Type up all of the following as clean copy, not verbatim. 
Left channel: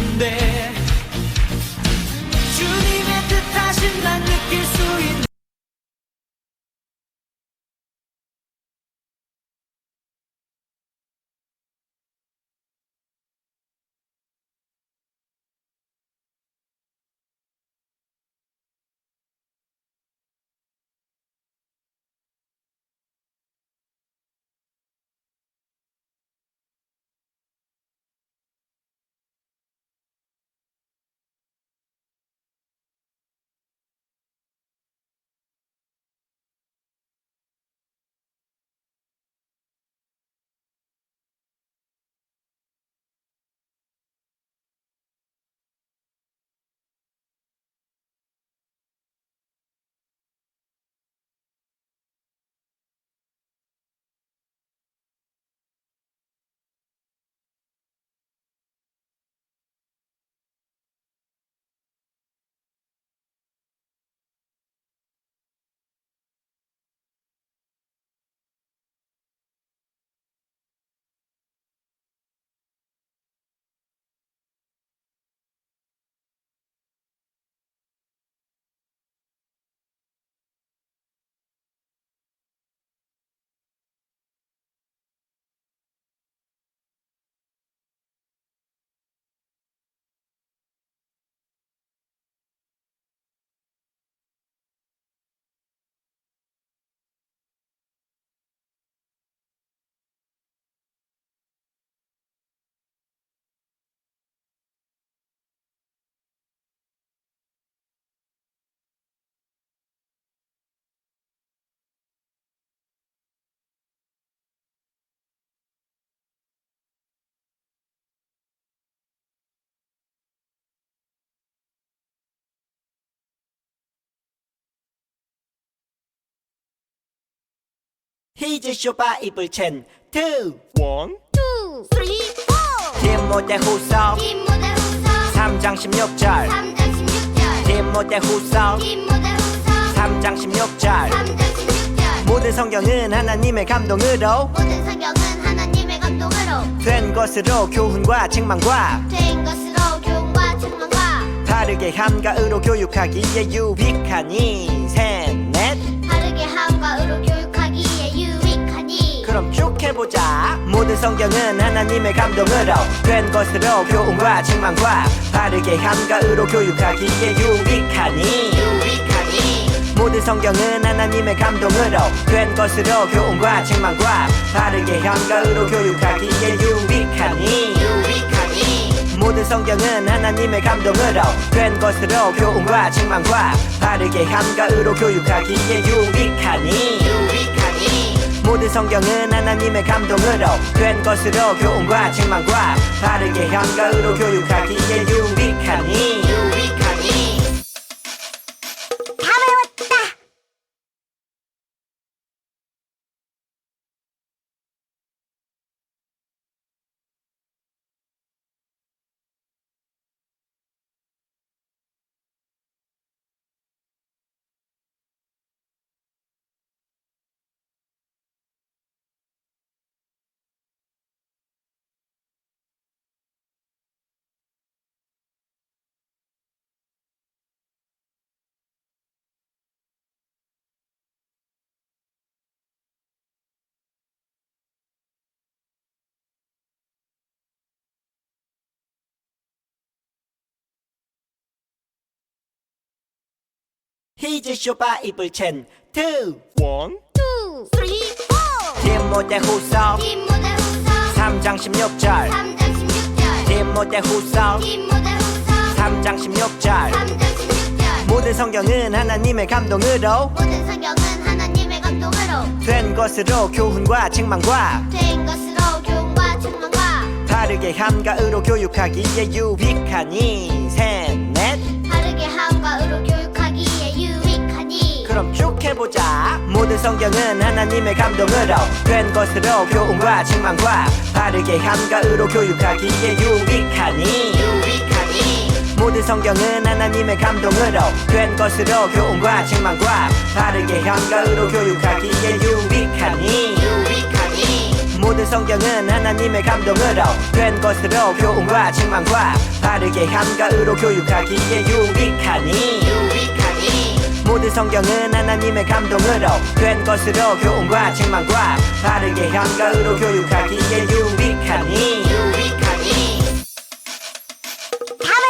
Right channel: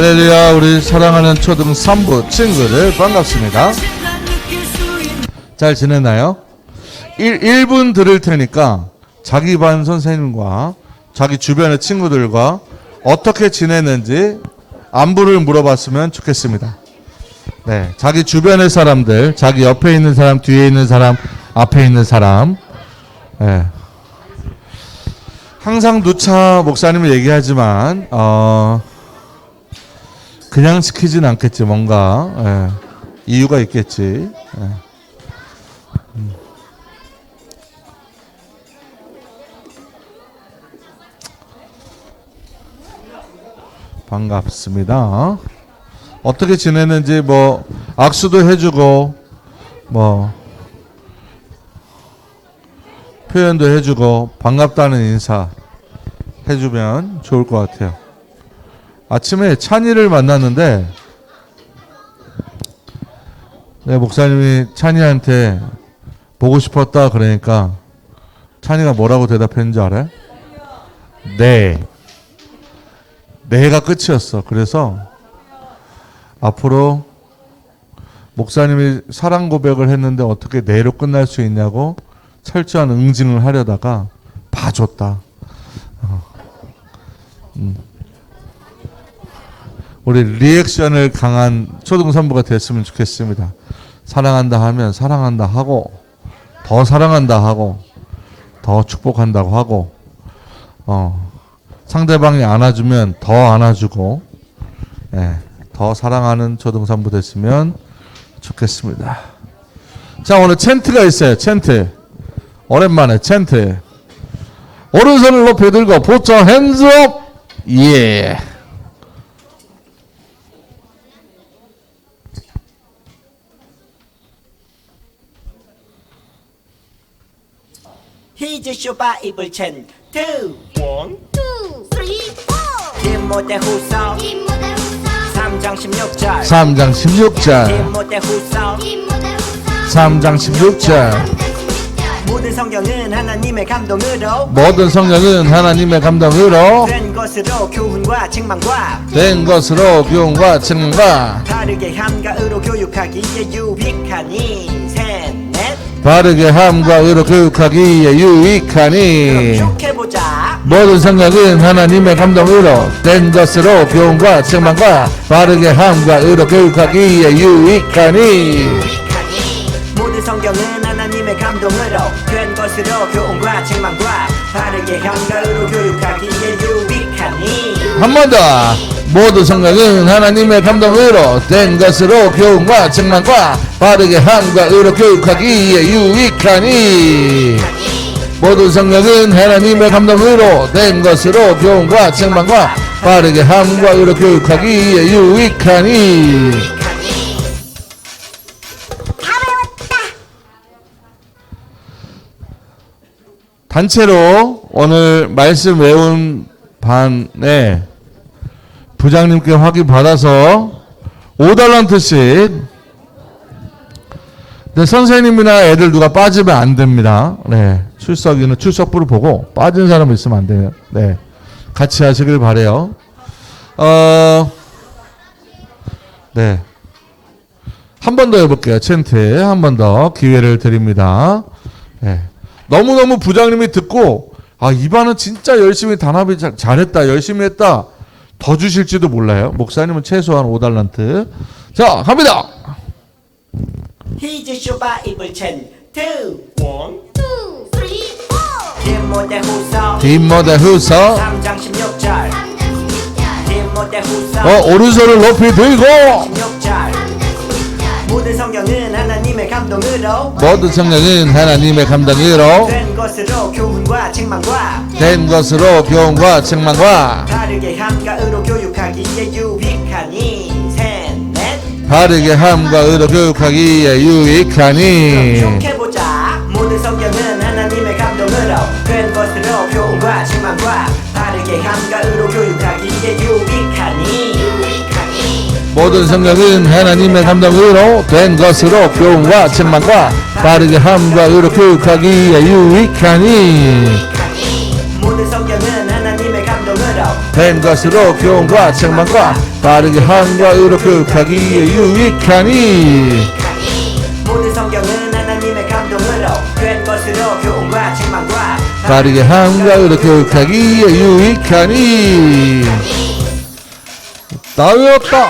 할렐루야. 우리 사랑하는 초등 3부 친구들 반갑습니다. 잘 지냈나요? 1분 들을 테니까 자기 반 선생님과 자기 주변의 친구들과 어떻게 지냈는지 안부를 물어봤으면 좋겠습니다. 네, 자기 주변의 사람들, 자기 옆에 있는 사람, 뒤에 있는 사람, 앞에 있는 사람. 네. 항상 누차 목사님이 얘기하지만 그냥 시키진 않겠지. 뭔가 이유가 있겠지. 반갑습니다. 어떻게 지냈는지 뭐 악수도 해주고 뭐 표현도 해주고 반갑다는 인사 해주면 좋을 것 같아요. 아침에 찬이를 만났는데 목사님이 찬이한테 보고 싶었다 그러니까 찬이가 뭐라고 대답했는지 알아요? 네. 네가 끝이었어. 그래서 앞으로 목사님이 사랑 고백을 했는데 어떻게 네로 끝날 수 있냐고 철저한 응징을 하려다가 봐줬다. 우리 리액션을 강한 초등산부가 됐으면 좋겠습니다. 사랑한다 하면 사랑한다 하고 더 사랑한다 하고 더 축복한다고 하고 상대방이 안아주면 더 안아주고 더 사랑하는 초등산부 됐으면 좋겠습니다. 자, 오늘 챈트가 있어요. 챈트. 오랜만에 챈트. 오른손을 높이 들고 put your hands up. 예. 히즈쇼 바이블 챈트 1, 2, 3, 4 디모데 후서 디모데 후서 3장 16절 3장 16절 디모데 후서 디모데 후서 3장 16절 3장 16절 모든 성경은 하나님의 감동으로 모든 성령은 하나님의 감동으로 된 것으로 교훈과 책망과 된 것으로 교훈과 책망과 바르게 함가으로 교육하기에 유익하니 셋넷 바르게 함과 의로 교육하기에 유익하니 그럼 쭉 해보자. 모든 성경은 하나님의 감동으로 된 것으로 교훈과 책망과 바르게 함과 의로 교육하기에 유익하니 모든 성경은 하나님의 감동으로 된 것으로 교훈과 책망과 바르게 함가으로 교육하기에 유익하니 한 번 더. 모든 성경은 하나님의 감동으로 된 것으로 교훈과 책망과 바르게 함과 의로 교육하기에 유익하니 모든 성경은 하나님의 감동으로 된 것으로 교훈과 책망과 바르게 함과 의로 교육하기에 유익하니 다 외웠다. 단체로 오늘 말씀 외운 반에 부장님께 확인 받아서 5달란트씩. 네, 선생님이나 애들 누가 빠지면 안 됩니다. 네, 출석이는 출석부를 보고 빠진 사람 있으면 안 돼요. 네, 같이 하시길 바래요. 네, 한 번 더 해볼게요. 챈트 한 번 더 기회를 드립니다. 네, 너무너무 부장님이 듣고 이 반은 진짜 열심히 단합이 잘했다, 열심히 했다. 더 주실지도 몰라요. 목사님은 최소한 5달란트. 자, 갑니다. 히즈쇼 바이블 챈트 1, 2, 3, 4 디모데 후서 디모데 후서 3장 16절 3장 16절 디모데 후서 오른손을 높이 들고 16절 3장 16절 모든 성경은 하나님의 감동으로 모든 성령은 하나님의 감동으로 된 것으로 교훈과 책망과 된 것으로 교훈과 책망과 바르게 함가으로 교육하기에 유익하니 셋넷 바르게 함과 의로 교육하기에 그럼 유익하니 쭉 해보자. 모든 성경은 하나님의 감동으로 된 것으로 교훈과 책망과 바르게 함가으로 교육하기에 유익하니 모든 성령은 하나님의 감동으로 된 것으로 교훈과 책망과 바르게 함과 의로 교육하기에 유익하니 모든 모든 성경은 하나님의 감동으로 된 것으로 교훈과 책망과 바르게 한가으로 교육하기에 유익하니 모든 성경은 하나님의 감동으로 된 것으로 교훈과 책망과 바르게 한가으로 교육하기에 유익하니. 다 외웠다.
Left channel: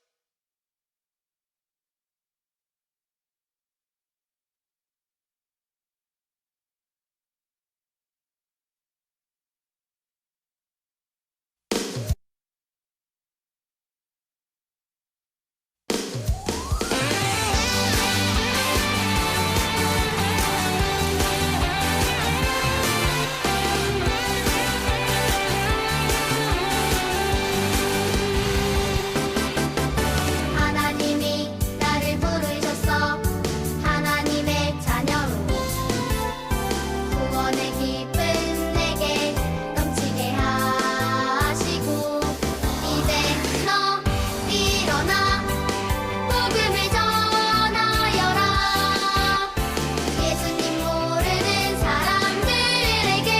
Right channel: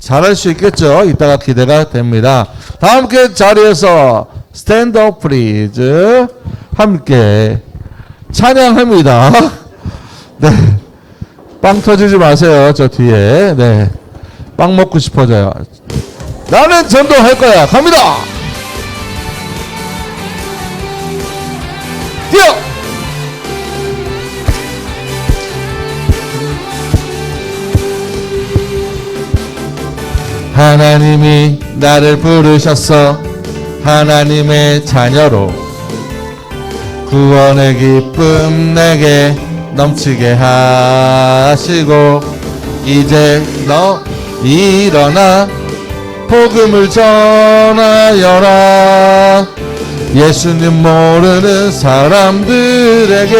잘할 수 있겠죠? 이따가 기대가 됩니다. 다 함께 자리에서 스탠드업 프리즈 함께 찬양합니다. 네, 빵 터지지 마세요. 저 뒤에. 네, 빵 먹고 싶어져요. 나는 전도할 거야. 갑니다. 뛰어. 하나님이 나를 부르셨어. 하나님의 자녀로 구원의 기쁨 내게 넘치게 하시고 이제 너 일어나 복음을 전하여라. 예수님 모르는 사람들에게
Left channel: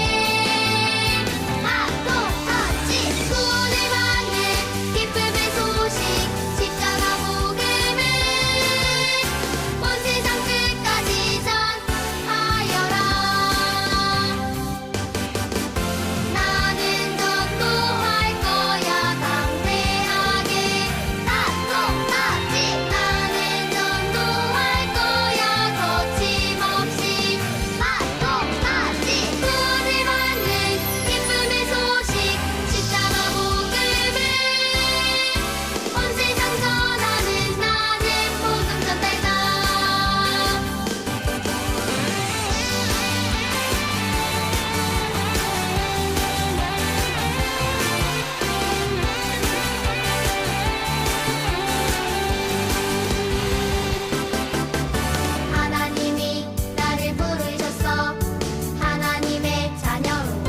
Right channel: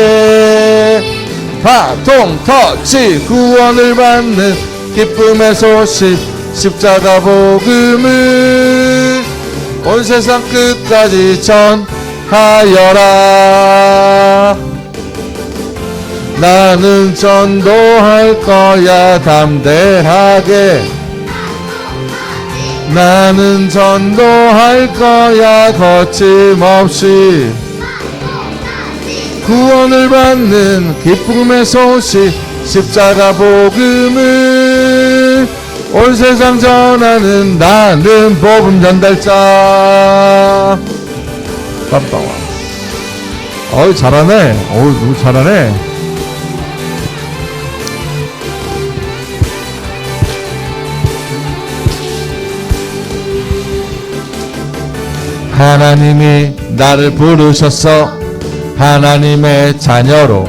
바통 터치 구원을 받는 기쁨의 소식 십자가 복음을 온 세상 끝까지 전하여라. 나는 전도할 거야 담대하게. 나는 전도할 거야 거침없이. 구원을 받는 기쁨의 소식 십자가 복음을 온 세상 전하는 나는 복음 전달자. 깜빡. 어이 잘하네. 어이 누구 잘하네. 하나님이 나를 부르셨어. 하나님의 자녀로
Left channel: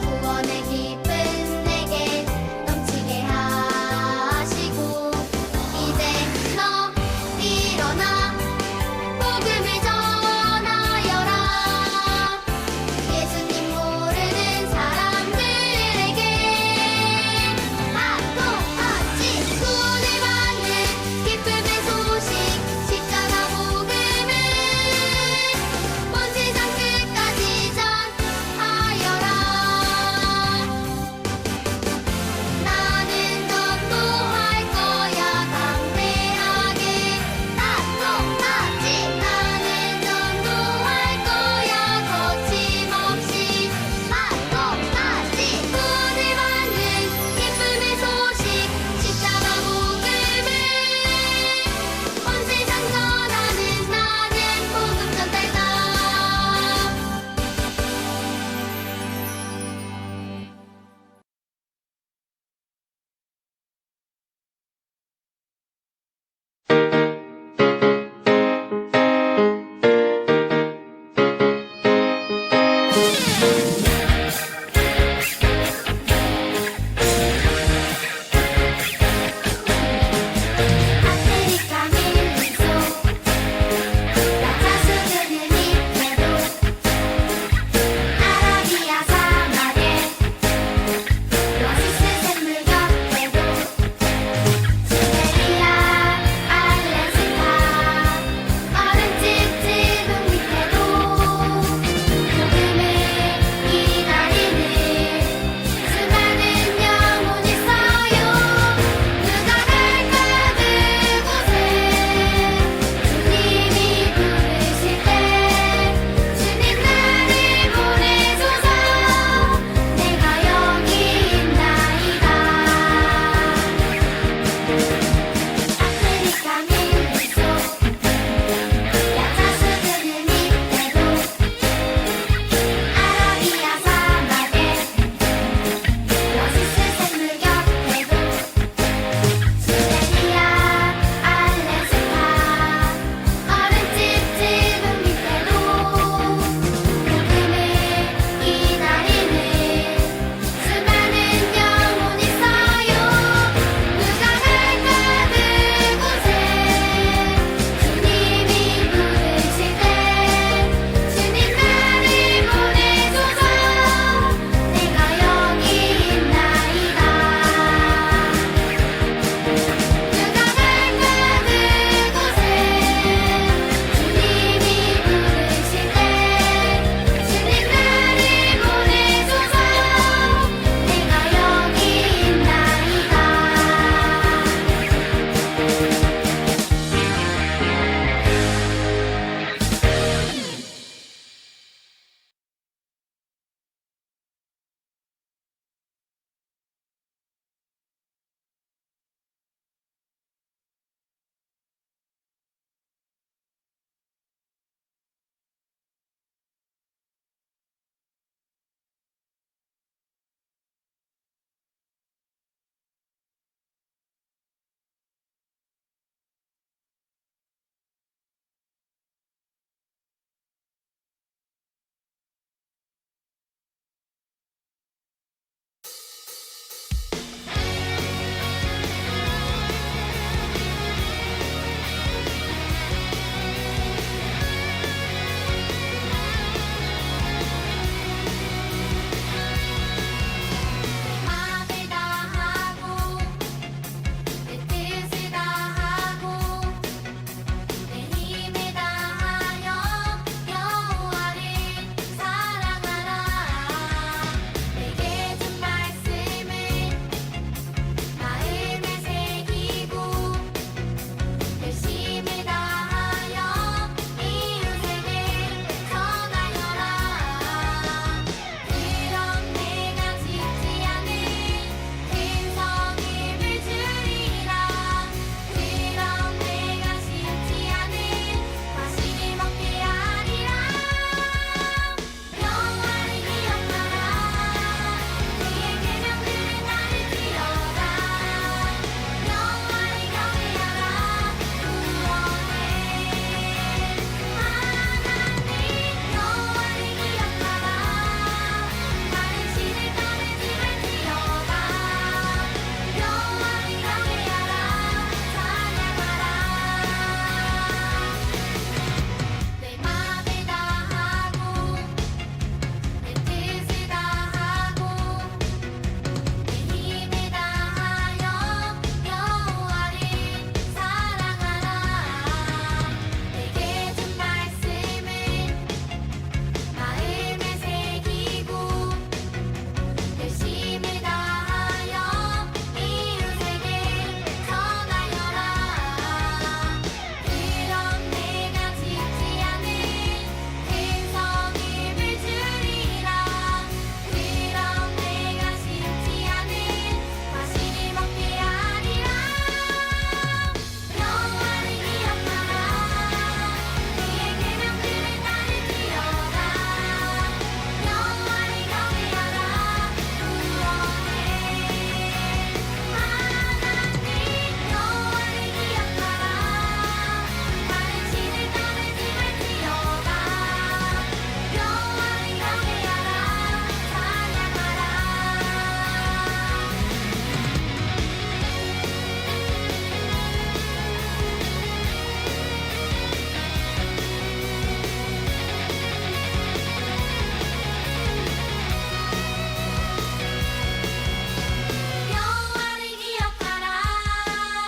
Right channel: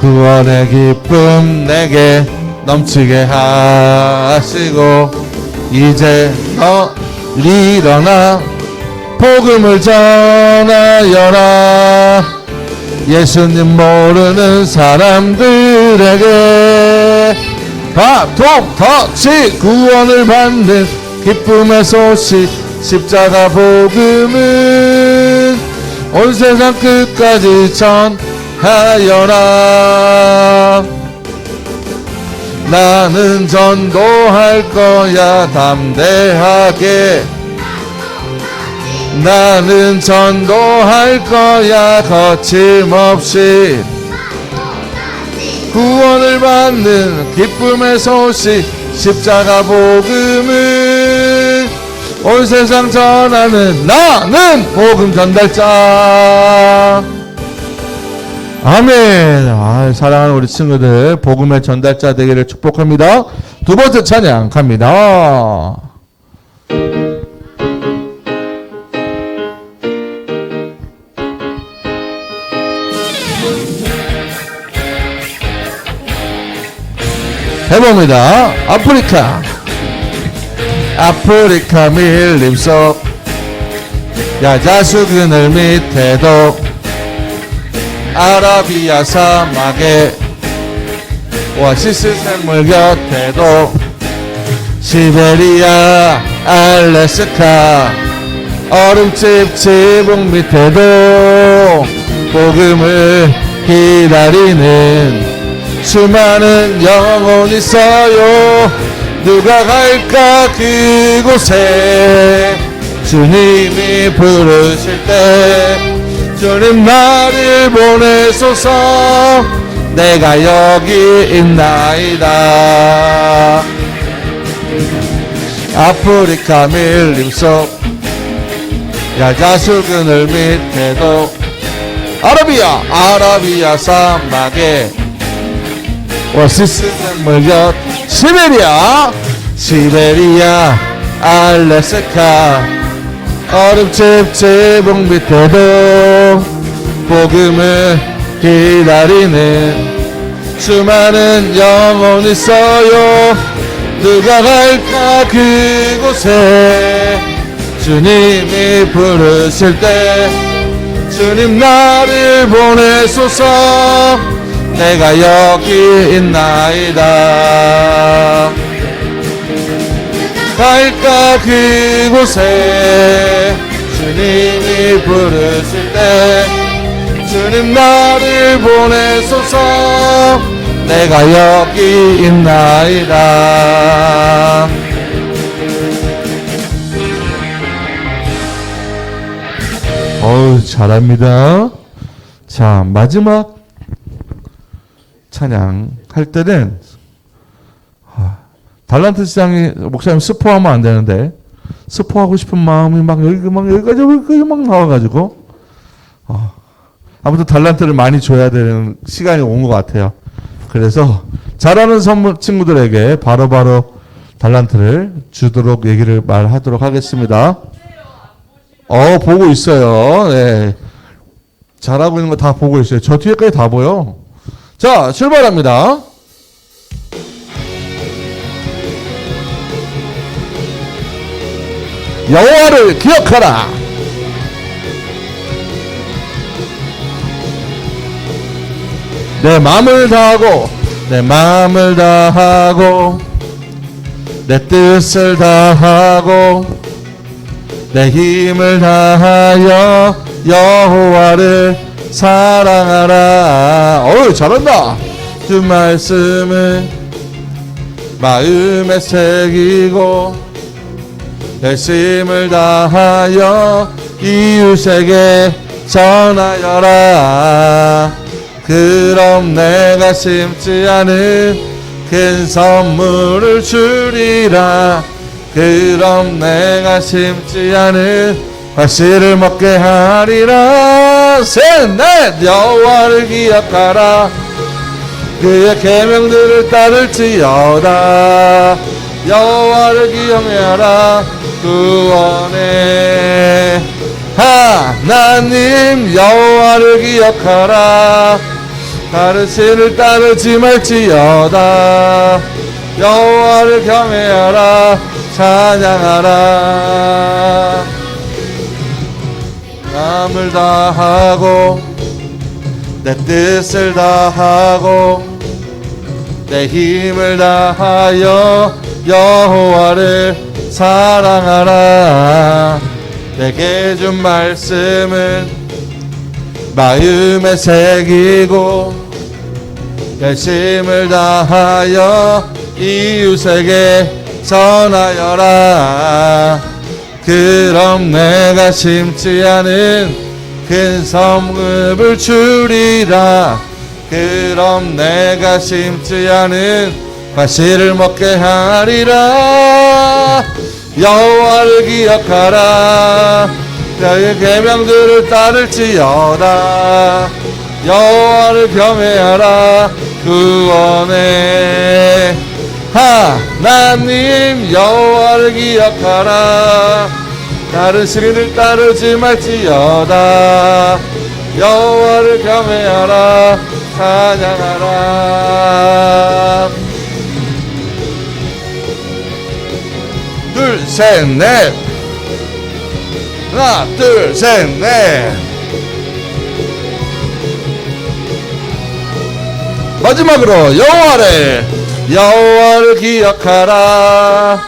구원의 기쁨 내게 넘치게 하시고 이제 너 일어나 복음을 전하여라. 예수님 모르는 사람들에게 바통 터치 구원을 받는 기쁨의 소식 십자가 복음을 온 세상 끝까지 전하여라. 나는 전도할 거야 담대하게. 나는 전도할 거야 거침없이. 구원을 받는 기쁨의 소식 십자가 복음을 온 세상 전하는 나는 복음 전달자. 아멘. 사랑하는 우리 친구들 복음의 전달자 되기를 축복합니다. 두 번째 찬양 갑니다. 해봅니다. 아프리카 밀림 속 야자수 그늘 밑에도 아라비아 사막에 오아시스 샘물 곁에도 시베리아 알래스카 얼음집 지붕 밑에도 복음을 기다리는 수많은 영혼이 있어요. 누가 갈까 그곳에 주님이 부르실 때 주님 나를 보내소서 내가 여기 있나이다. 아프리카 밀림 속 야자수 그늘 밑에도 아라비아 사막에 오아시스 샘물 곁 시베리아 알래스카 얼음집 지붕 밑에도 복음을 기다리는 수많은 영혼이 있어요. 누가 갈까 그곳에 주님이 부르실 때 주님 나를 보내소서. 내가 여기 있나이다. 갈까 그곳에 주님이 부르실 때 주님 나를 보내소서. 내가 여기 있나이다. 어우, 잘합니다. 자, 마지막 찬양 할 때는 달란트 시장이 목사님 스포하면 안 되는데 스포하고 싶은 마음이 막 여기까지 막 나와가지고 아무튼 달란트를 많이 줘야 되는 시간이 온 것 같아요. 그래서 잘하는 친구들에게 바로바로 달란트를 주도록 얘기를 말하도록 하겠습니다. 보고 있어요. 네. 잘하고 있는 거 다 보고 있어요. 저 뒤에까지 다 보여. 자, 출발합니다. 여호와를 기억하라. 내 마음을 다하고 내 마음을 다하고 내 뜻을 다하고 내 힘을 다하여 여호와를 사랑하라. 어우, 잘한다. 주 말씀을 마음에 새기고 열심을 다하여 이웃에게 전하여라. 그럼 내가 심지 않은 큰 선물을 주리라. 그럼 내가 심지 않은 과실을 먹게 하리라. 셋넷 여호와를 기억하라. 그의 계명들을 따를지어다. 여호와를 기억하라. 구원의 하나님 여호와를 기억하라. 다른 신을 따르지 말지어다. 여호와를 경외하라. 찬양하라. 마음을 다하고 내 뜻을 다하고 내 힘을 다하여 여호와를 사랑하라. 내게 준 말씀은 마음에 새기고 열심을 다하여 이웃에게 전하여라. 그럼 내가 심지 않은 큰 성읍을 주리라. 그럼 내가 심지 않은 과실을 먹게 하리라. 여호와를 기억하라. 그의 계명들을 따를지어다. 여호와를 경외하라. 구원의 하나님 여호와를 기억하라. 다른 신을 따르지 말지어다. 여호와를 경외하라. 찬양하라. 둘, 셋, 넷. 하나, 둘, 셋, 넷. 마지막으로 여호와를 기억하라.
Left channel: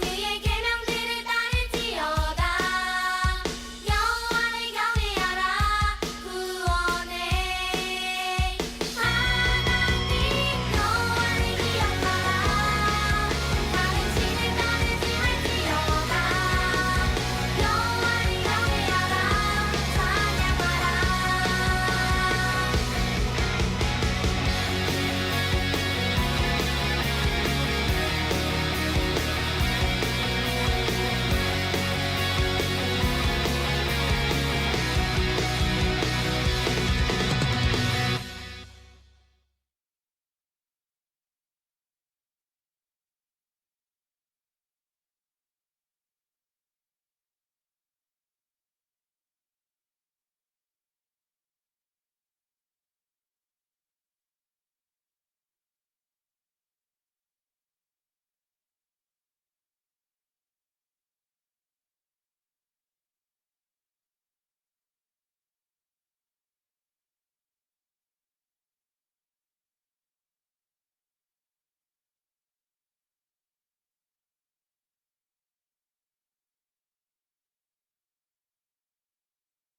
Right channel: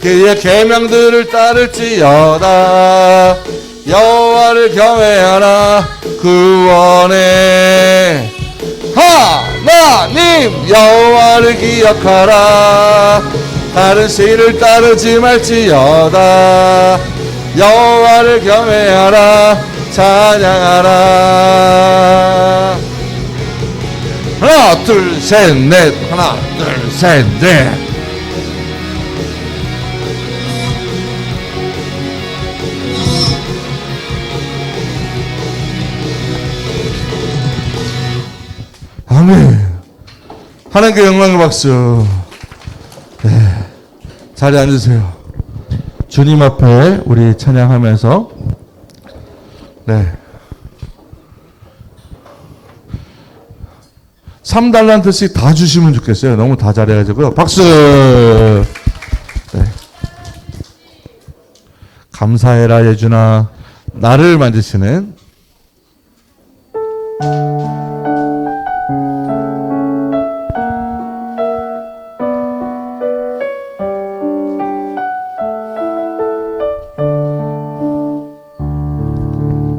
그의 계명들을 따를지어다. 여호와를 경외하라. 구원의 하나님 여호와를 기억하라. 다른 신을 따르지 말지어다. 여호와를 경외하라. 찬양하라. 하나 둘 셋 넷. 하나 둘 셋 넷. 아멘. 하나님께 영광의 박수. 네. 자리에 앉으세요. 주님 앞에 우리 찬양하면서 네. 3달란트씩 다 주시면 좋겠어요. 너무 다 잘해가지고요. 박수! 네. 감사해라 예준아. 나를 만드시는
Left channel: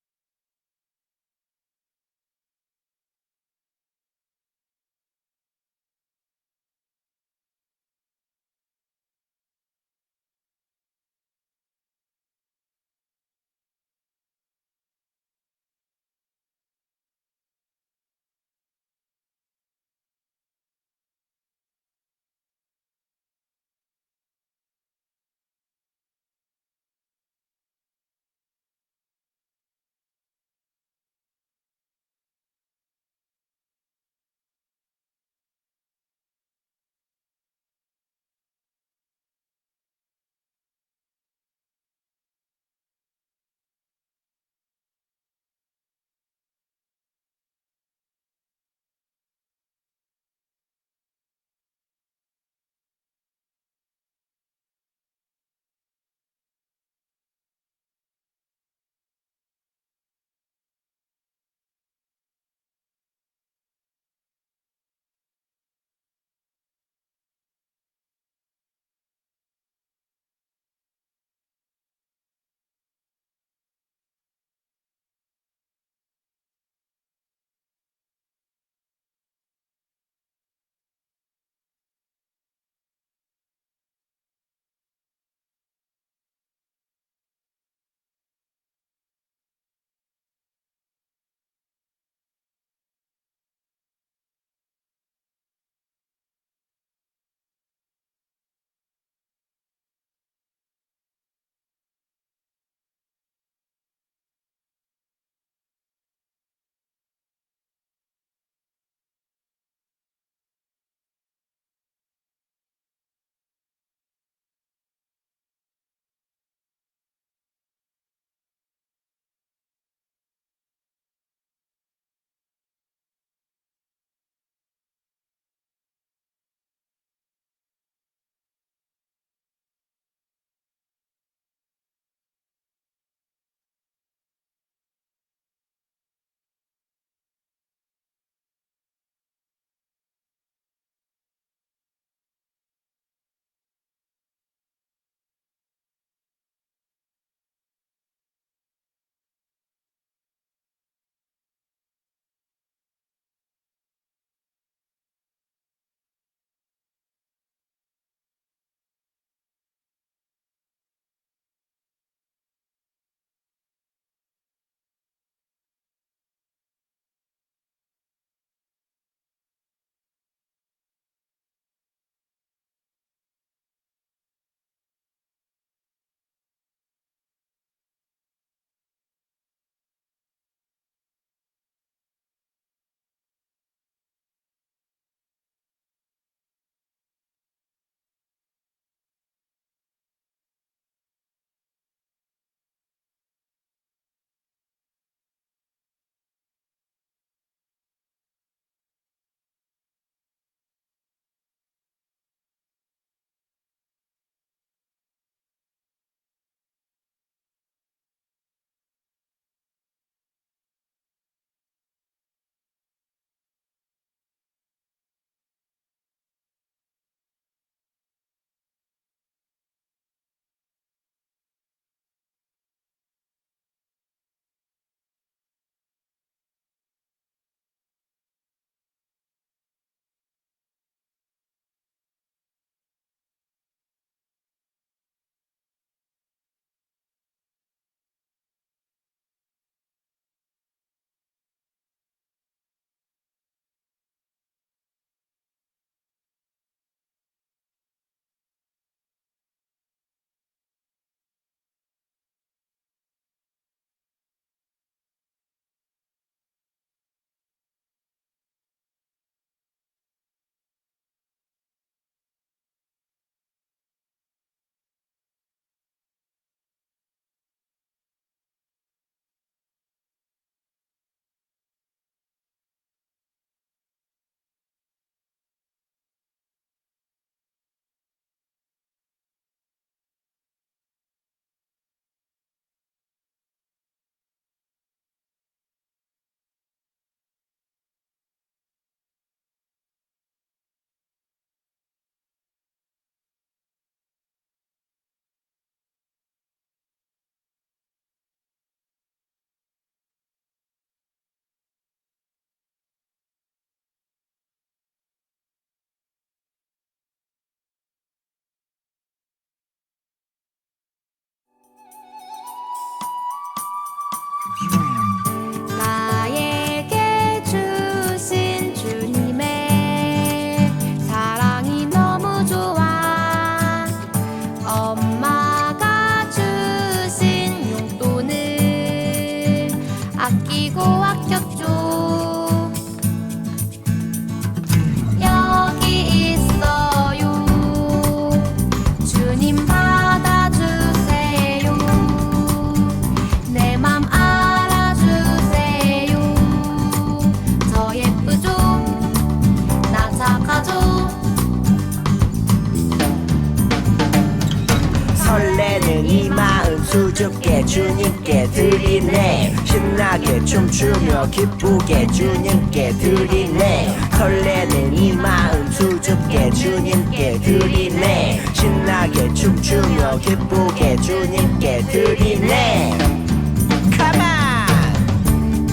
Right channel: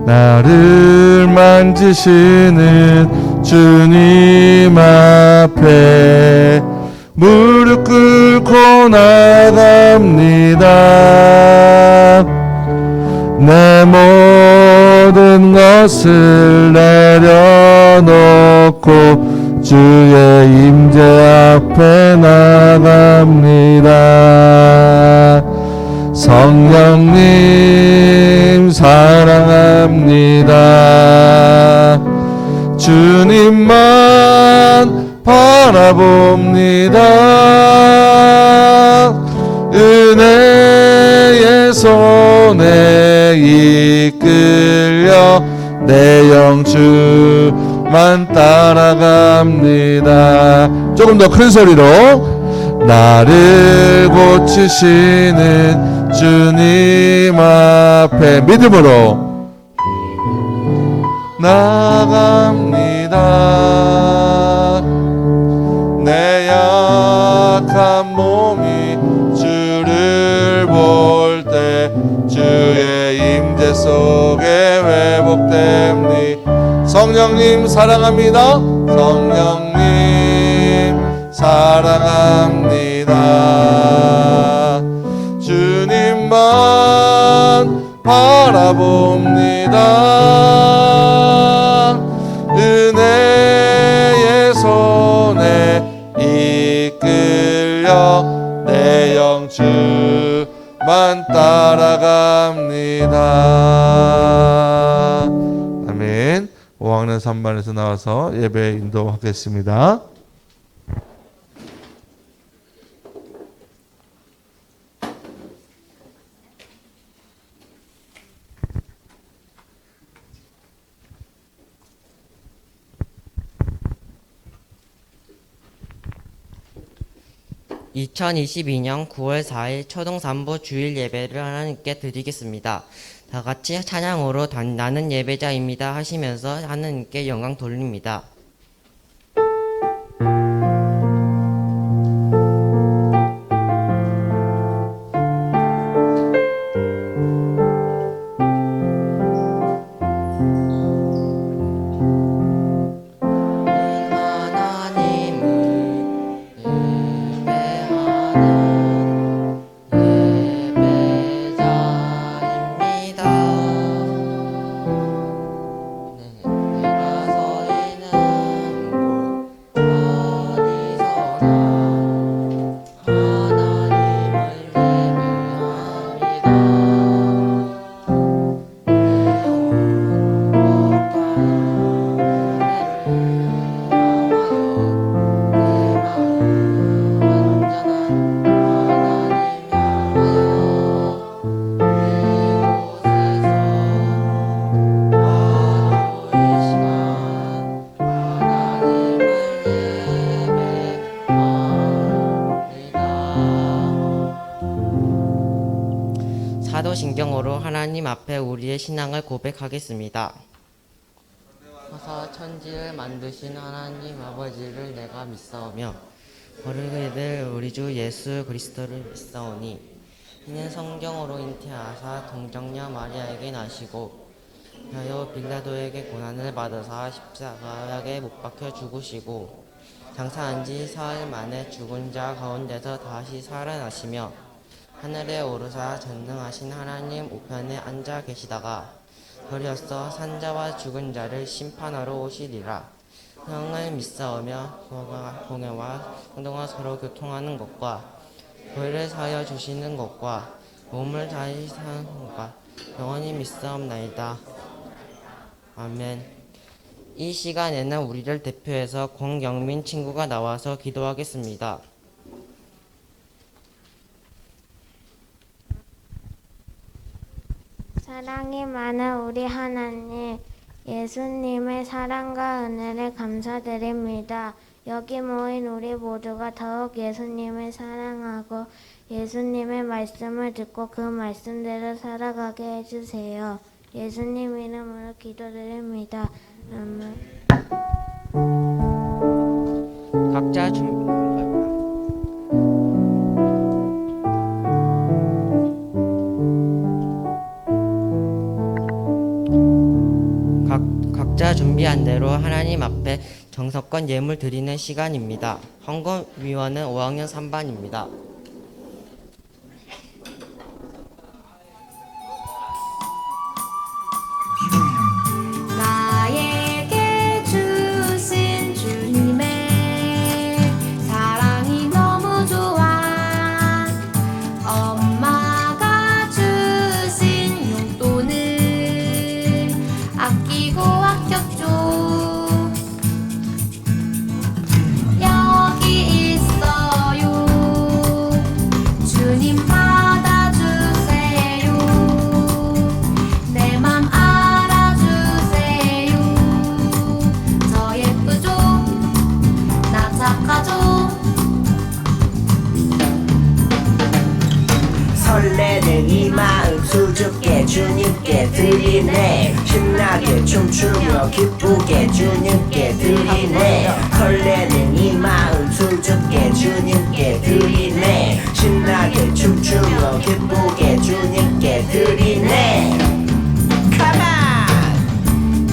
나를 만지시는 주님 앞에 무릎 꿇고 나갑니다. 내 모든 것을 내려놓고 주의 임재 앞에 나갑니다. 성령님 사랑합니다. 주님만 바라봅니다. 은혜의 손에 이끌려 내 영주만 따라갑니다. 조금 더 큰 소리로 나를 고치시는 주님 앞에 믿음으로 나갑니다. 내 약한 몸이 주를 볼 때 주의 임재 속에 회복됩니다. 성령님 사랑합니다. 성령님 사랑합니다. 주님만 바라봅니다. 은혜의 손에 이끌려 내 영주만 따라갑니다. 아멘. 5학년 3반에서 나와서 예배 인도하겠습니다. (2022년 9월 4일) 초등 3부 주일 예배를 하나님께 드리겠습니다. 다 같이 찬양으로 나는 예배자입니다 하시면서 하나님께 영광 돌립니다. 사도신경으로 하나님 앞에 우리의 신앙을 고백하겠습니다. 하사 천지를 만드신 하나님 아버지를 내가 믿사오며 어르게들 우리 주 예수 그리스도를 믿사오니 이는 성경으로 잉태하사 동정녀 마리아에게 나시고 하여 빌라도에게 고난을 받으사 십자가에 못 박혀 죽으시고 장사한 지 사흘 만에 죽은 자 가운데서 다시 살아나시며 하늘에 오르사 전능하신 하나님 우편에 앉아 계시다가 도리어서 산자와 죽은 자를 심판하러 오시리라. 형을 믿사오며 공회와 성도가 서로 교통하는 것과 교회를 사하여 주시는 것과 몸을 다시 사는 것과 영원히 믿사옵나이다. 아멘. 이 시간에는 우리를 대표해서 권경민 친구가 나와서 기도하겠습니다. 사랑이 많은 우리 하나님, 예수님의 사랑과 은혜를 감사드립니다. 여기 모인 우리 모두가 더욱 예수님을 사랑하고 예수님의 말씀을 듣고 그 말씀대로 살아가게 해주세요. 예수님 이름으로 기도드립니다. 아멘. 각자 준비한 대로 하나님 앞에 정성껏 예물 드리는 시간입니다. 헌금위원은 5학년 3반입니다. 나에게 주신 주님의 사랑이 너무 좋아. 엄마가 주신 용돈을 아끼고 아꼈죠. 여기 있어요. 주님 받아주세요. 내 맘 알아주세요. 저 예쁘죠? 나 착하죠? 설레는 이 마음 수줍게 주님께 드리네. 신나게 춤추며 기쁘게 주님께 드리네. 설레는 이 마음 수줍게 주님께 드리네. 신나게 춤추며 기쁘게 주님께 드리네. Come on!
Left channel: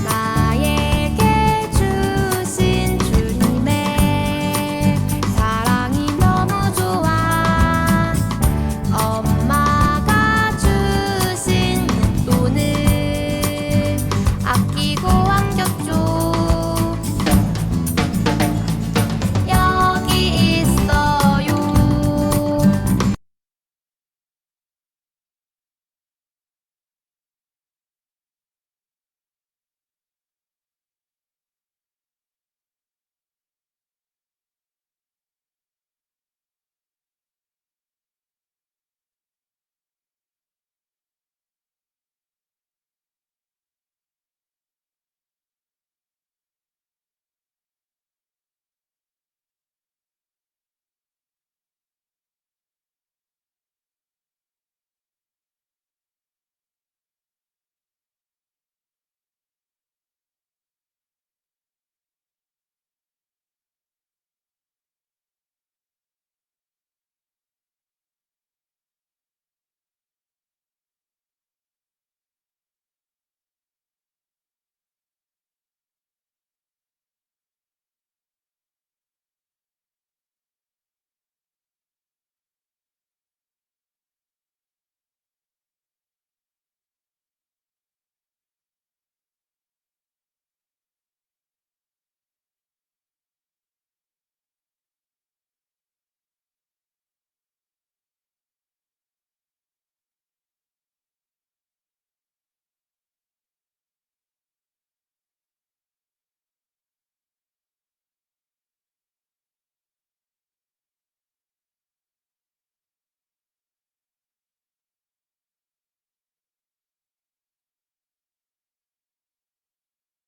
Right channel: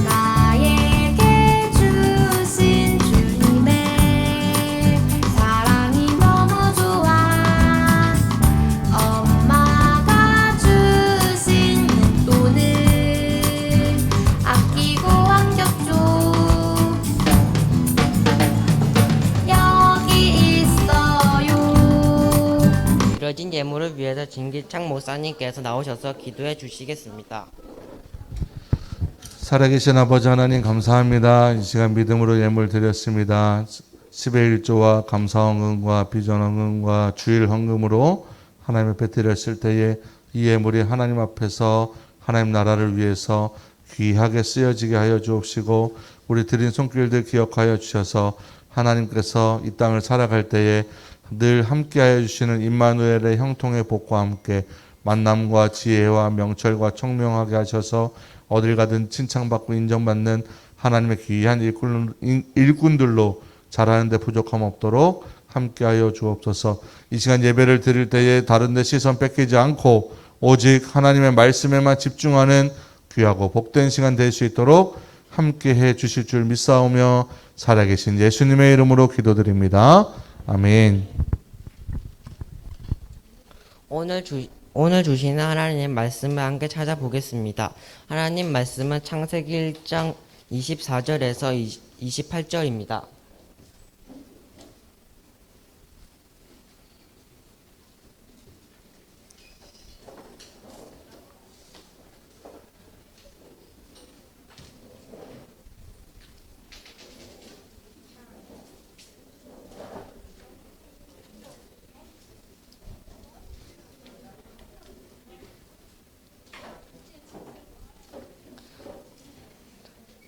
나에게 주신 주님의 사랑이 너무 좋아. 엄마가 주신 용돈을 아끼고 아꼈죠. 여기 있어요. 드려진 예물을 위해서 진기창 목사님께서 나오셔서 기도해 주시겠습니다. 살아계신 아버지 하나님 감사합니다. 이 시간 믿음으로 예물 드렸습니다. 10의 1조와 감사 헌금과 비전 헌금과 주일 헌금으로 하나님 앞에 드렸을 때에 이 예물이 하나님 앞에서 하나님 나라를 위해서 귀하게 쓰여지게 하여 주옵시고 우리 드린 손길들 기억하여 주셔서 하나님께서 이 땅을 살아갈 때에 늘 함께하여 주시는 임마누엘의 형통의 복과 함께 만남과 지혜와 명철과 청명하게 하셔서 어딜 가든 칭찬받고 인정받는 하나님의 귀한 일꾼들로 자라는 데 부족함 없도록 함께하여 주옵소서. 이 시간 예배를 드릴 때에 다른 데 시선 뺏기지 않고 오직 하나님의 말씀에만 집중하는 귀하고 복된 시간 될 수 있도록 함께해 주실 줄 믿사오며 살아계신 예수님의 이름으로 기도드립니다. 아멘. 오늘 주시는 하나님의 말씀을 함께 찾아보겠습니다. 하나님 말씀은 창세기 1장 24절에서 28절입니다.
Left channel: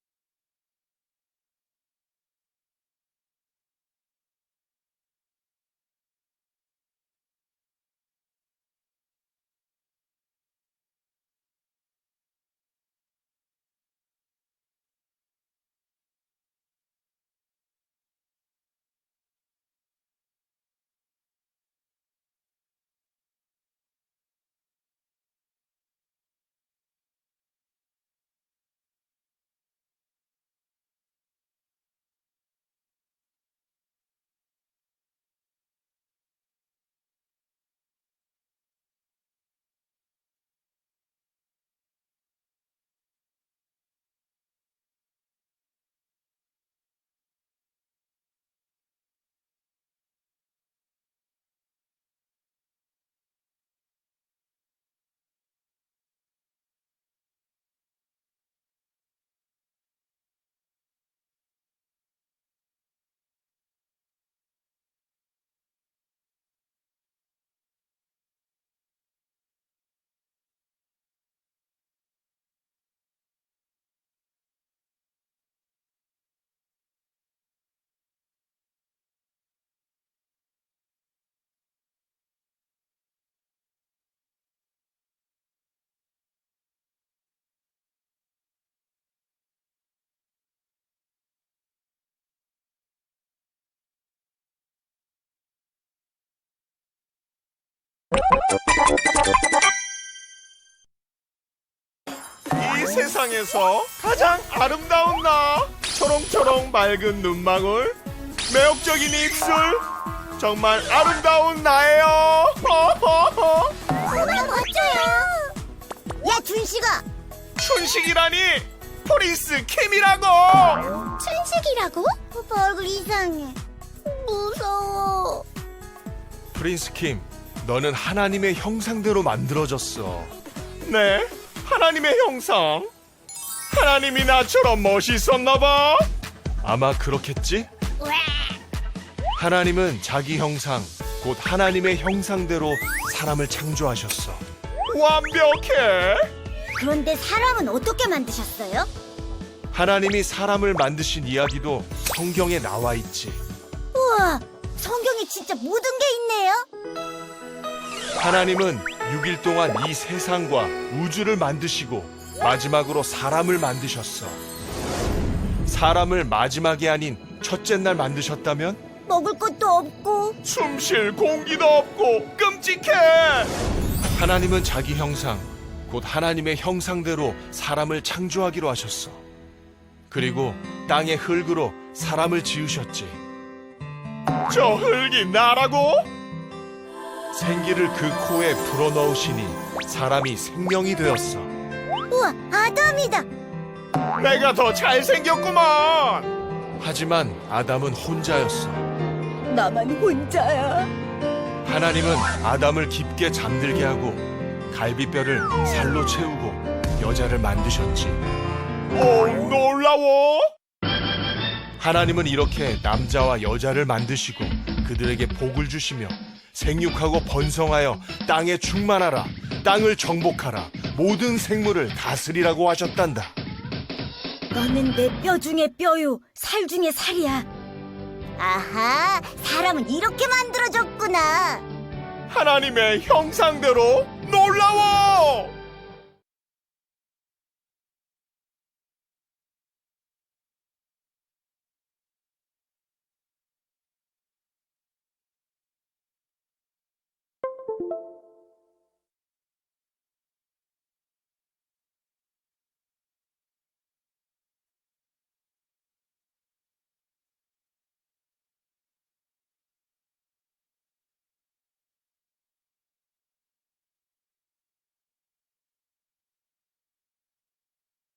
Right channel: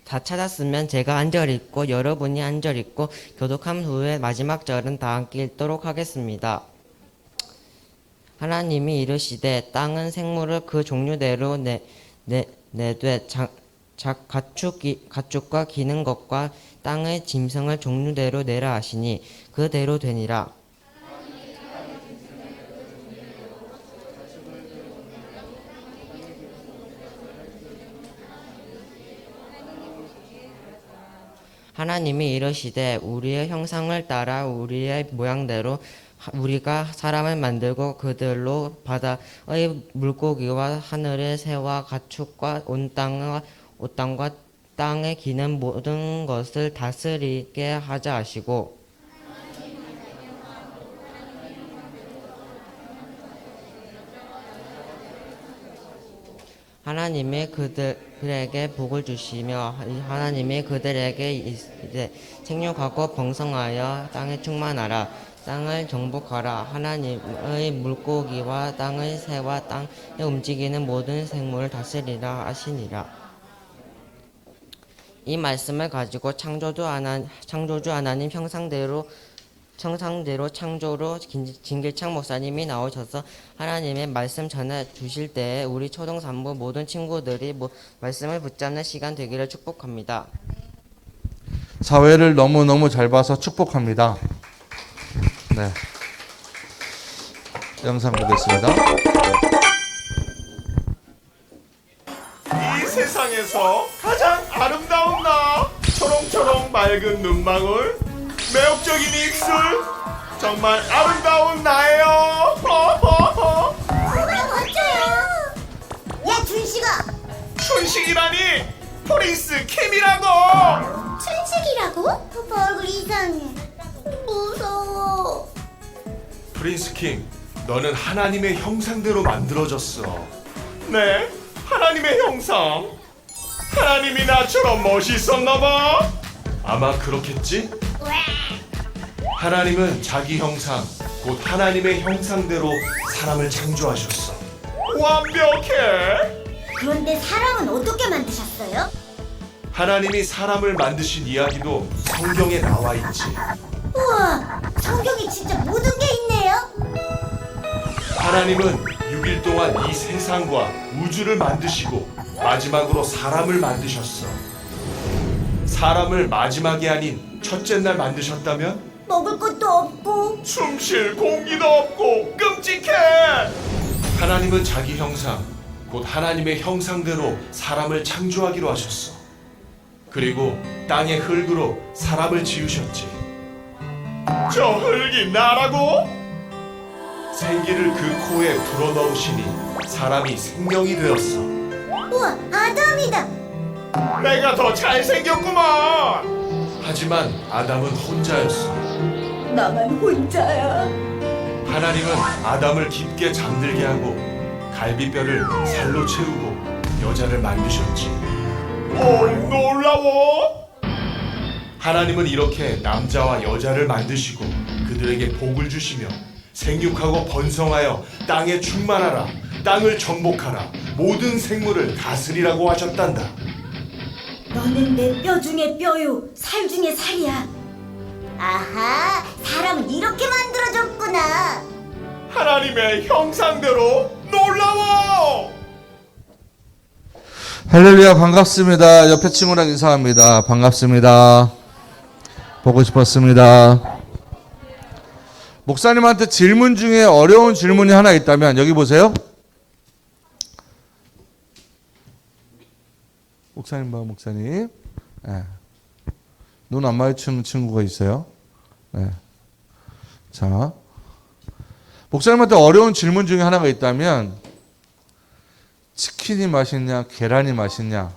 다 찾았으면 제가 한 절 읽고 여러분이 한 절 읽고 교독한 후에 마지막 절은 다 함께 읽도록 하겠습니다. 하나님이 이르시되 땅은 생물을 그 종류대로 내되 가축과 기는 것과 땅의 짐승을 종류대로 내라 하시니 그대로 되니라. 하나님이 이르시되 우리의 형상을 따라 우리의 모양대로 우리가 사람을 만들고 그들로 바다의 물고기와 하늘의 새와 가축과 온 땅과 땅에 기는 모든 것을 다스리게 하자 하시고 하나님이 그들에게 복을 주시며 하나님이 그들에게 이르시되 생육하고 번성하여 땅에 충만하라. 땅을 정복하라. 하나님의 물고기와 땅의 새와 땅에 움직이는 모든 생물을 다스리라 하시니라. 이 말씀을 가지고 창조주 하나님 형상대로 창조로 진길창 목사님이 나오셔서 하나님의 말씀 전해 주실 때에 우리 초등 3부 모든 친구들이 말씀을 붙잡는 시간 되기를 축복합니다. 사회를 너무너무 잘 봐서 축복합니다. 네. 영상 보겠습니다. 세상에서 가장 아름다운 나. 초롱초롱 맑은 눈망울, 매혹적인 입술, 정말 아름다운 나예요. 정말 멋져요. 야, 준식아. 춘식이라니 프린스 킴이라고. 춘식이라고? 오빠 얼굴 이상해. 무서워. 프린스 킴, 너는 하나님의 형상대로 만들어졌어. 네, 하나님의 형상. 하나님이 나처럼 멋있었나 봐. 아마 그렇겠지? 하나님은 자기 형상, 곧 하나님의 형상대로 사람을 창조하셨어. 완벽해. 그런데 사람은 어떻게 만드셨어요? 하나님이 사람을 만드신 이야기도 성경에 나와 있지. 우와, 성경에 진짜 모든 게 있네요. 하나님은 6일 동안 이 세상과 우주를 만드시고 마지막으로 사람을 만드셨어. 사람을 마지막이 아닌 첫째 날 만드셨다면 먹을 것도 없고. 숨 쉴 공기도 없고 끔찍해. 하나님은 자기 형상, 곧 하나님의 형상대로 사람을 창조하기로 하셨어. 그리고 땅의 흙으로 사람을 지으셨지. 저 흙이 나라고? 생기를 그 코에 불어넣으시니 사람이 생명이 되었어. 우와, 아담이다. 내가 더 잘생겼구만. 하지만 아담은 혼자였어. 나만 혼자야. 하나님은 아담을 깊게 잠들게 하고 갈비뼈를 살로 채우고 여자를 만드셨지. 오, 놀라워. 하나님은 이렇게 남자와 여자를 만드시고 그들에게 복을 주시며 생육하고 번성하여 땅에 충만하라, 땅을 정복하라, 모든 생물을 다스리라고 하셨단다. 너는 내 뼈 중에 뼈요, 살 중에 살이야. 아하, 사람은 이렇게 만들어졌구나. 하나님의 형상대로 놀라워. 할렐루야, 반갑습니다. 옆에 친구랑 인사합니다. 반갑습니다. 보고 싶었습니다. 목사님한테 질문 중에 어려운 질문이 하나 있다면 여기 보세요. 목사님 봐, 목사님. 네. 눈 안 마주치는 친구가 있어요. 네. 자, 목사님한테 어려운 질문 중에 하나가 있다면 치킨이 맛있냐, 계란이 맛있냐?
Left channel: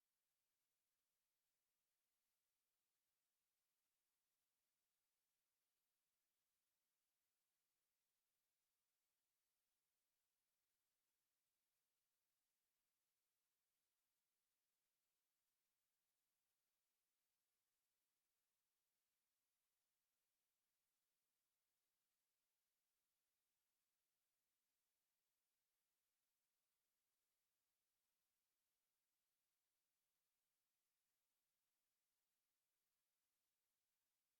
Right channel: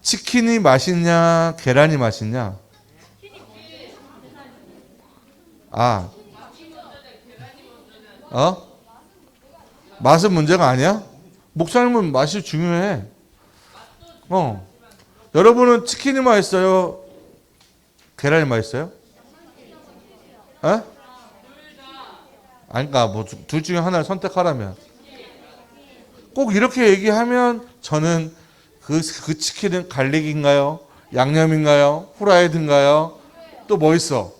치킨이 맛있냐, 계란이 맛있냐? 맛은 문제가 아니야? 목사님은 맛이 중요해. 여러분은 치킨이 맛있어요? 계란이 맛있어요? 아니까 뭐 둘 중에 하나를 선택하라면 꼭 이렇게 얘기하면 저는 그 치킨은 갈릭인가요? 양념인가요? 후라이드인가요? 또 뭐 있어?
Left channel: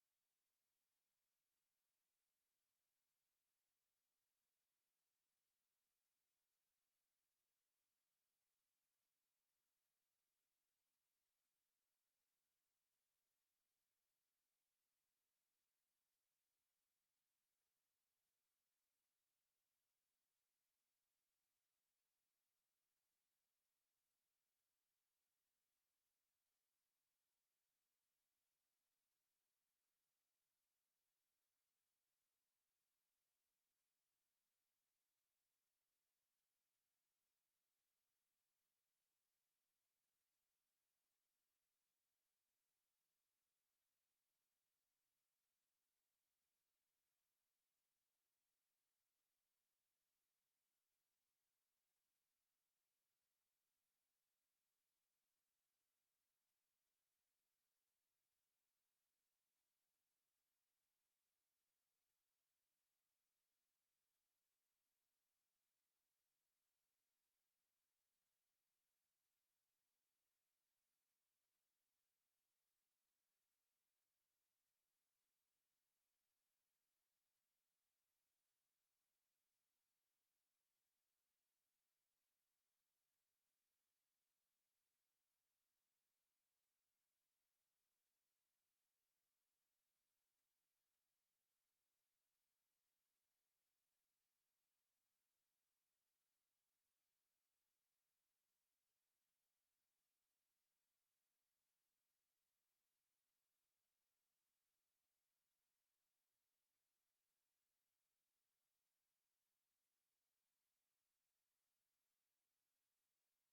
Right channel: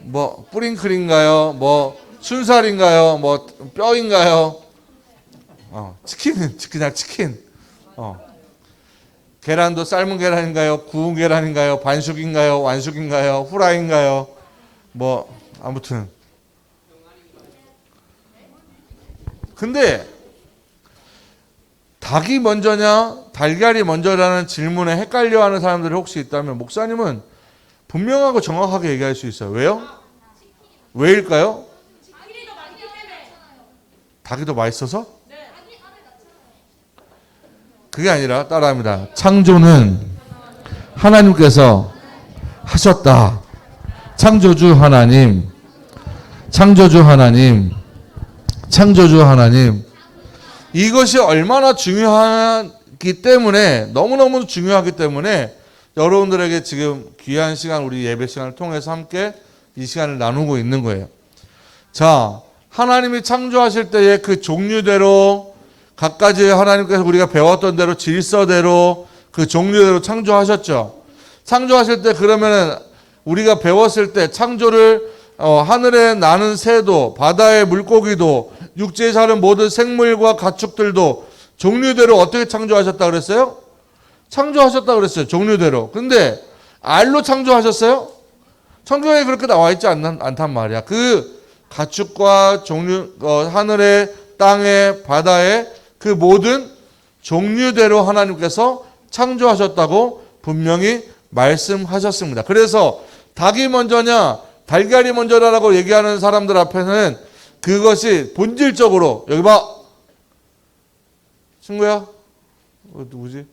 뭐 뿌링클인가요? 뭐 순살인가요? 뭐 뼈인가요? 치킨은 그냥 치킨. 계란도 삶은 계란인가요? 구운 계란인가요? 반숙인가요? 완숙인가요? 후라이인가요? 뭐 아무튼. 근데 닭이 먼저냐 달걀이 먼저라는 질문에 헷갈려하는 사람들이 혹시 있다면 목사님은 분명하고 정확하게 얘기할 수 있어요. 왜요? 왜일까요? 닭이 더 맛있어서? 그게 아니라 따라합니다. 창조는 하나님께서 하셨다. 창조주 하나님, 창조주 하나님, 창조주 하나님. 이것이 얼마나 중요하기 때문에, 너무너무 중요하기 때문에 여러분들에게 지금 귀한 시간, 우리 예배 시간을 통해서 함께 이 시간을 나누고 있는 거예요. 자, 하나님이 창조하실 때의 그 종류대로 각가지 하나님께서 우리가 배웠던 대로 질서대로 그 종류대로 창조하셨죠. 창조하실 때 그러면은 우리가 배웠을 때 창조를 하늘에 나는 새도 바다의 물고기도 육지에 사는 모든 생물과 가축들도 종류대로 어떻게 창조하셨다 그랬어요? 창조하셨다 그랬어요. 종류대로. 근데 알로 창조하셨어요? 성경에 그렇게 나와 있지 않단 말이야. 그 가축과 종류 하늘에 땅에 바다에 그 모든 종류대로 하나님께서 창조하셨다고 분명히 말씀하셨습니다. 그래서 닭이 먼저냐 달걀이 먼저냐라고 얘기하는 사람들 앞에는 그것이 본질적으로, 여기 봐 친구야, 누구지?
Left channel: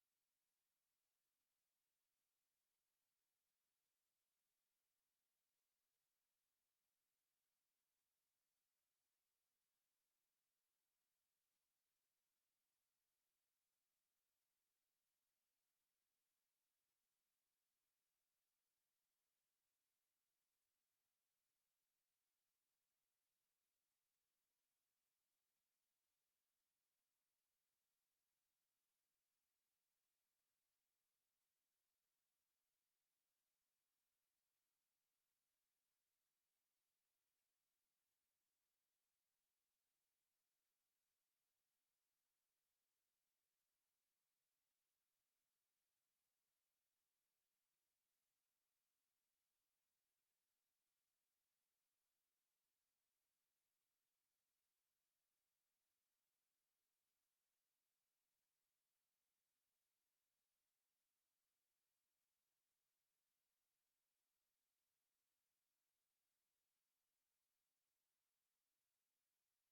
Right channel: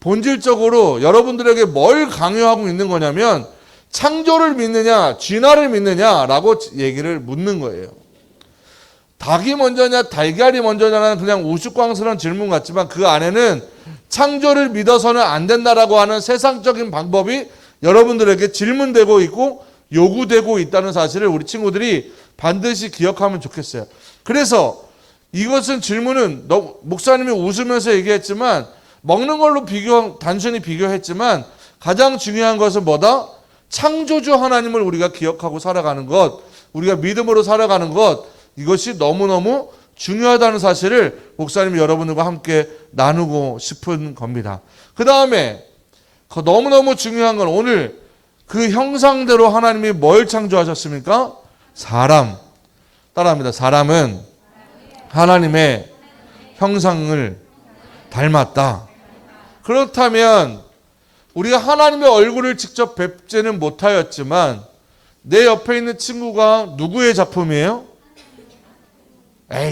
본질적으로 여러분들에게 뭘 강요하고 있는 거냐면 창조를 믿느냐 진화를 믿느냐라고 얘기를 묻는 거예요. 닭이 먼저냐 달걀이 먼저냐는 그냥 우스꽝스러운 질문 같지만 그 안에는 창조를 믿어서는 안 된다라고 하는 세상적인 방법이 여러분들에게 질문되고 있고 요구되고 있다는 사실을 우리 친구들이 반드시 기억하면 좋겠어요. 그래서 이것은 질문은 목사님이 웃으면서 얘기했지만 먹는 걸로 단순히 비교했지만 가장 중요한 것은 뭐다? 창조주 하나님을 우리가 기억하고 살아가는 것, 우리가 믿음으로 살아가는 것, 이것이 너무너무 중요하다는 사실을 목사님이 여러분들과 함께 나누고 싶은 겁니다. 그 다음에 너무너무 중요한 건 오늘 그 형상대로 하나님이 뭘 창조하셨습니까? 사람. 따라합니다. 사람은 하나님의 형상을 닮았다. 그렇다면 우리가 하나님의 얼굴을 직접 뵙지는 못하였지만 내 옆에 있는 친구가 누구의 작품이에요?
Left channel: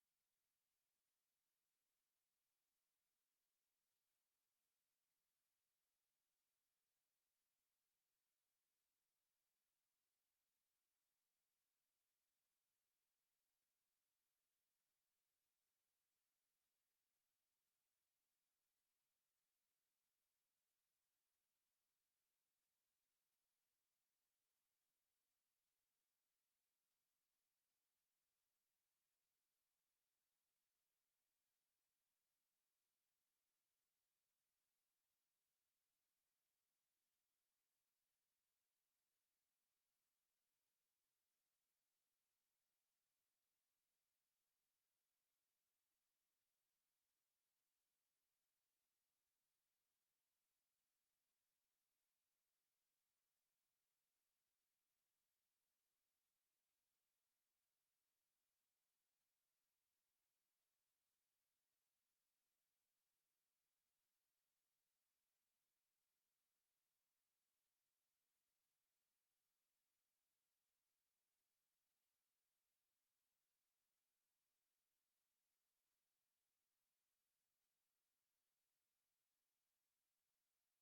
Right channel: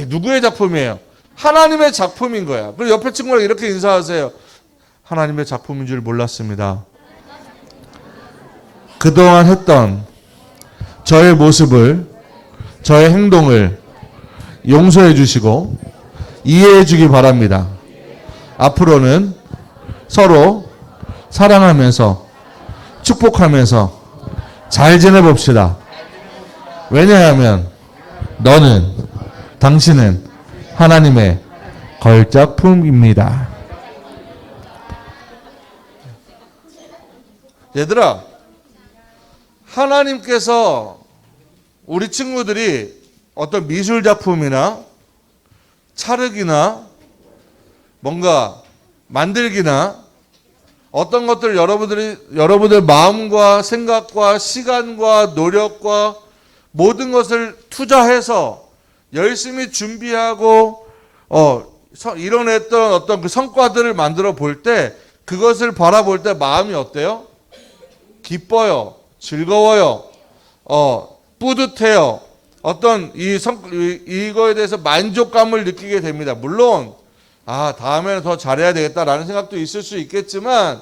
누구의 작품이에요? 하나님의 작품인 거야. 그리고 옆에 친구랑 이렇게 인사하세요. 하나님의 작품인 줄 몰랐습니다. 그동안 했던 저의 모습을, 저의 행동을 용서해 주시고 이해해 주기 바랍니다. 앞으로는 서로 사랑하면서 축복하면서 잘 지내봅시다. 왜냐하면 당신은 하나님의 걸작품입니다. 얘들아, 하나님께서 우리 친구들이 어떤 미술 작품이나 찰흙이나 뭔가 만들기나 어떤 것들 여러분들 마음과 생각과 시간과 노력과 모든 것을 투자해서 열심히 준비하고 이뤄냈던 어떤 그 성과들을 만들어 볼 때 그것을 바라볼 때 마음이 어때요? 기뻐요. 즐거워요. 뿌듯해요. 어떤 이거에 대해서 만족감을 느끼게 됩니다. 물론 다음에는 더 잘해야 되겠다라는 생각도 있을 수 있겠지만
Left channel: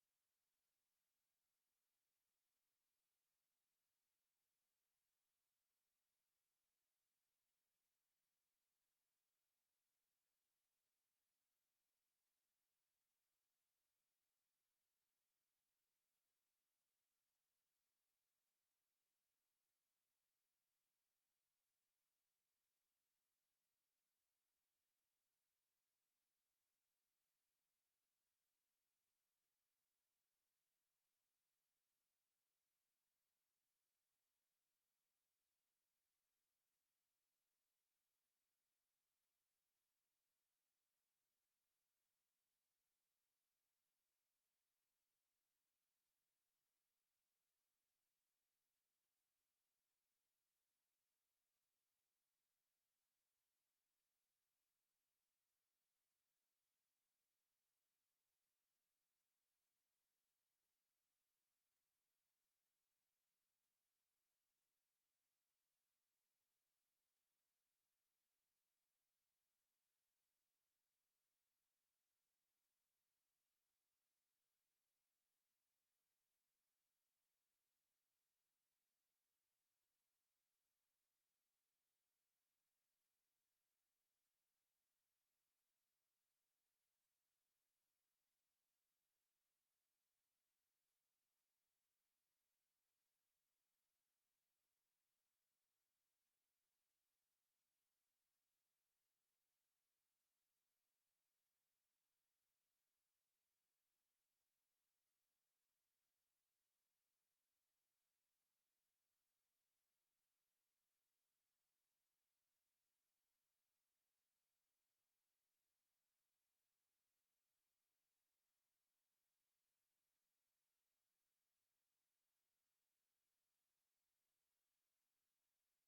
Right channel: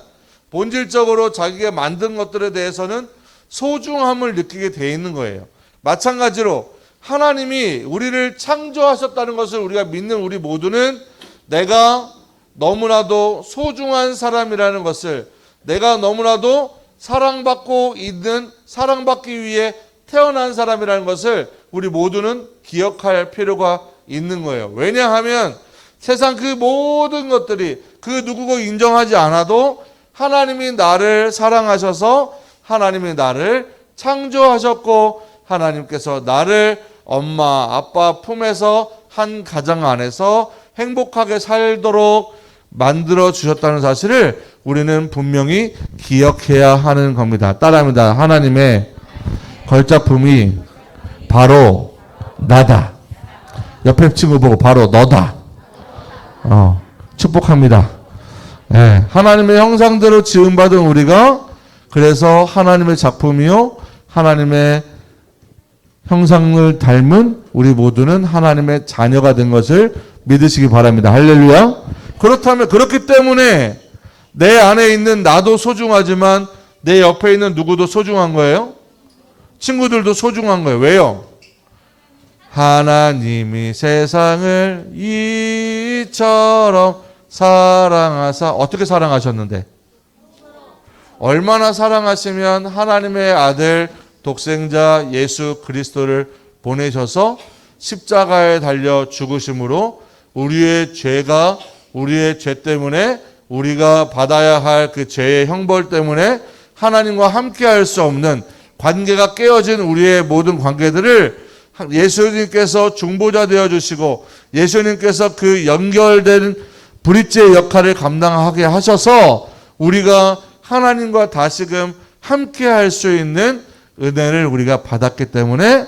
본질적으로 자기가 만든 것들에 대해서는 소중함을 느끼게 돼 있는 거예요. 마찬가지로 하나님이 우리를 창조하셨다는 것을 우리가 믿는 우리 모두는 내가 너무나도 소중한 사람이라는 것을, 내가 너무나도 사랑받기 위해 태어난 사람이라는 것을 우리 모두는 기억할 필요가 있는 거예요. 왜냐하면 세상 그 모든 것들이 그 누구고 인정하지 않아도 하나님이 나를 사랑하셔서 하나님이 나를 창조하셨고 하나님께서 나를 엄마 아빠 품에서 한 가정 안에서 행복하게 살도록 만들어 주셨다는 사실을 우리는 분명히 기억해야 하는 겁니다. 따라합니다. 하나님의 걸작품이 바로 나다. 옆에 친구 보고 바로 너다. 축복합니다. 하나님의 형상대로 지음받은 우리가 그래서 하나님의 작품이요 하나님의 형상을 닮은 우리 모두는 하나님의 자녀가 된 것을 믿으시기 바랍니다. 할렐루야. 그렇기 때문에 내 안에 있는 나도 소중하지만 내 옆에 있는 누구도 소중한 거예요. 친구들도 소중한 거예요. 왜요? 하나님이 세상을 이처럼 사랑하사. 어떻게 사랑하셨는데? 얼마나 사랑하시면 하나님의 아들 독생자 예수 그리스도를 보내셔서 십자가에 달려 죽으심으로 우리의 죄 때문에 우리가 받아야 할 그 죄의 형벌 때문에 하나님과 함께 할 수 없는 관계가 깨어진 우리의 모든 관계들을 예수님께서 중보자 되어주시고 예수님께서 그 연결된 브릿지의 역할을 감당하게 하셔서 우리가 하나님과 다시금 함께 할 수 있는 은혜를 우리가 받았기 때문에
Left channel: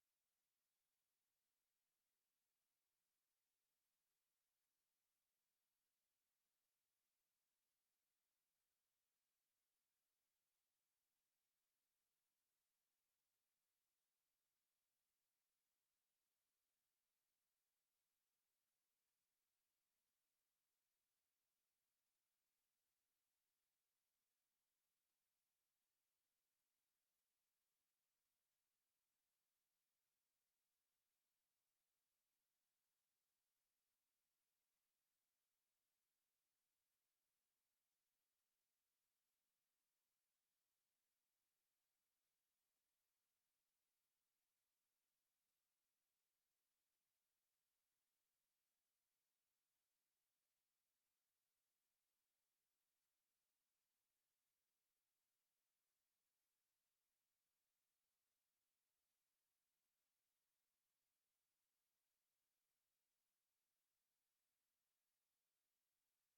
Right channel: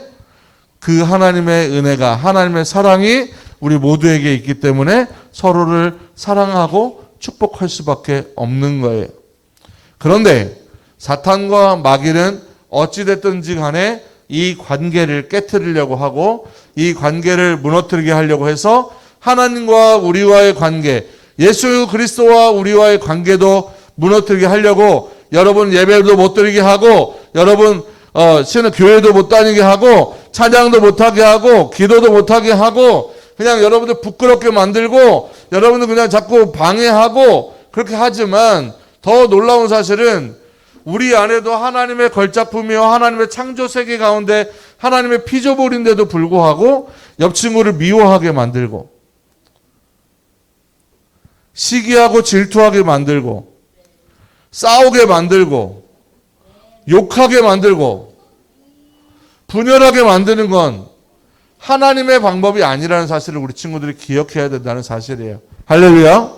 그 하나님의 은혜가, 하나님의 사랑이 우리 모두에게 있기 때문에 서로를 사랑하고 축복할 수밖에 없는 거예요. 그런데 사탄과 마귀는 어찌됐든지 간에 이 관계를 깨트리려고 하고 이 관계를 무너뜨리게 하려고 해서 하나님과 우리와의 관계, 예수 그리스도와 우리와의 관계도 무너뜨리게 하려고 여러분 예배도 못 드리게 하고 여러분 신은 교회도 못 다니게 하고 찬양도 못하게 하고 기도도 못하게 하고 그냥 여러분들 부끄럽게 만들고 여러분들 그냥 자꾸 방해하고 그렇게 하지만 더 놀라운 사실은 우리 안에도 하나님의 걸작품이요 하나님의 창조 세계 가운데 하나님의 피조물인데도 불구하고 옆 친구를 미워하게 만들고 시기하고 질투하게 만들고 싸우게 만들고 욕하게 만들고 분열하게 만드는 건 하나님의 방법이 아니라는 사실을 우리 친구들이 기억해야 된다는 사실이에요. 할렐루야.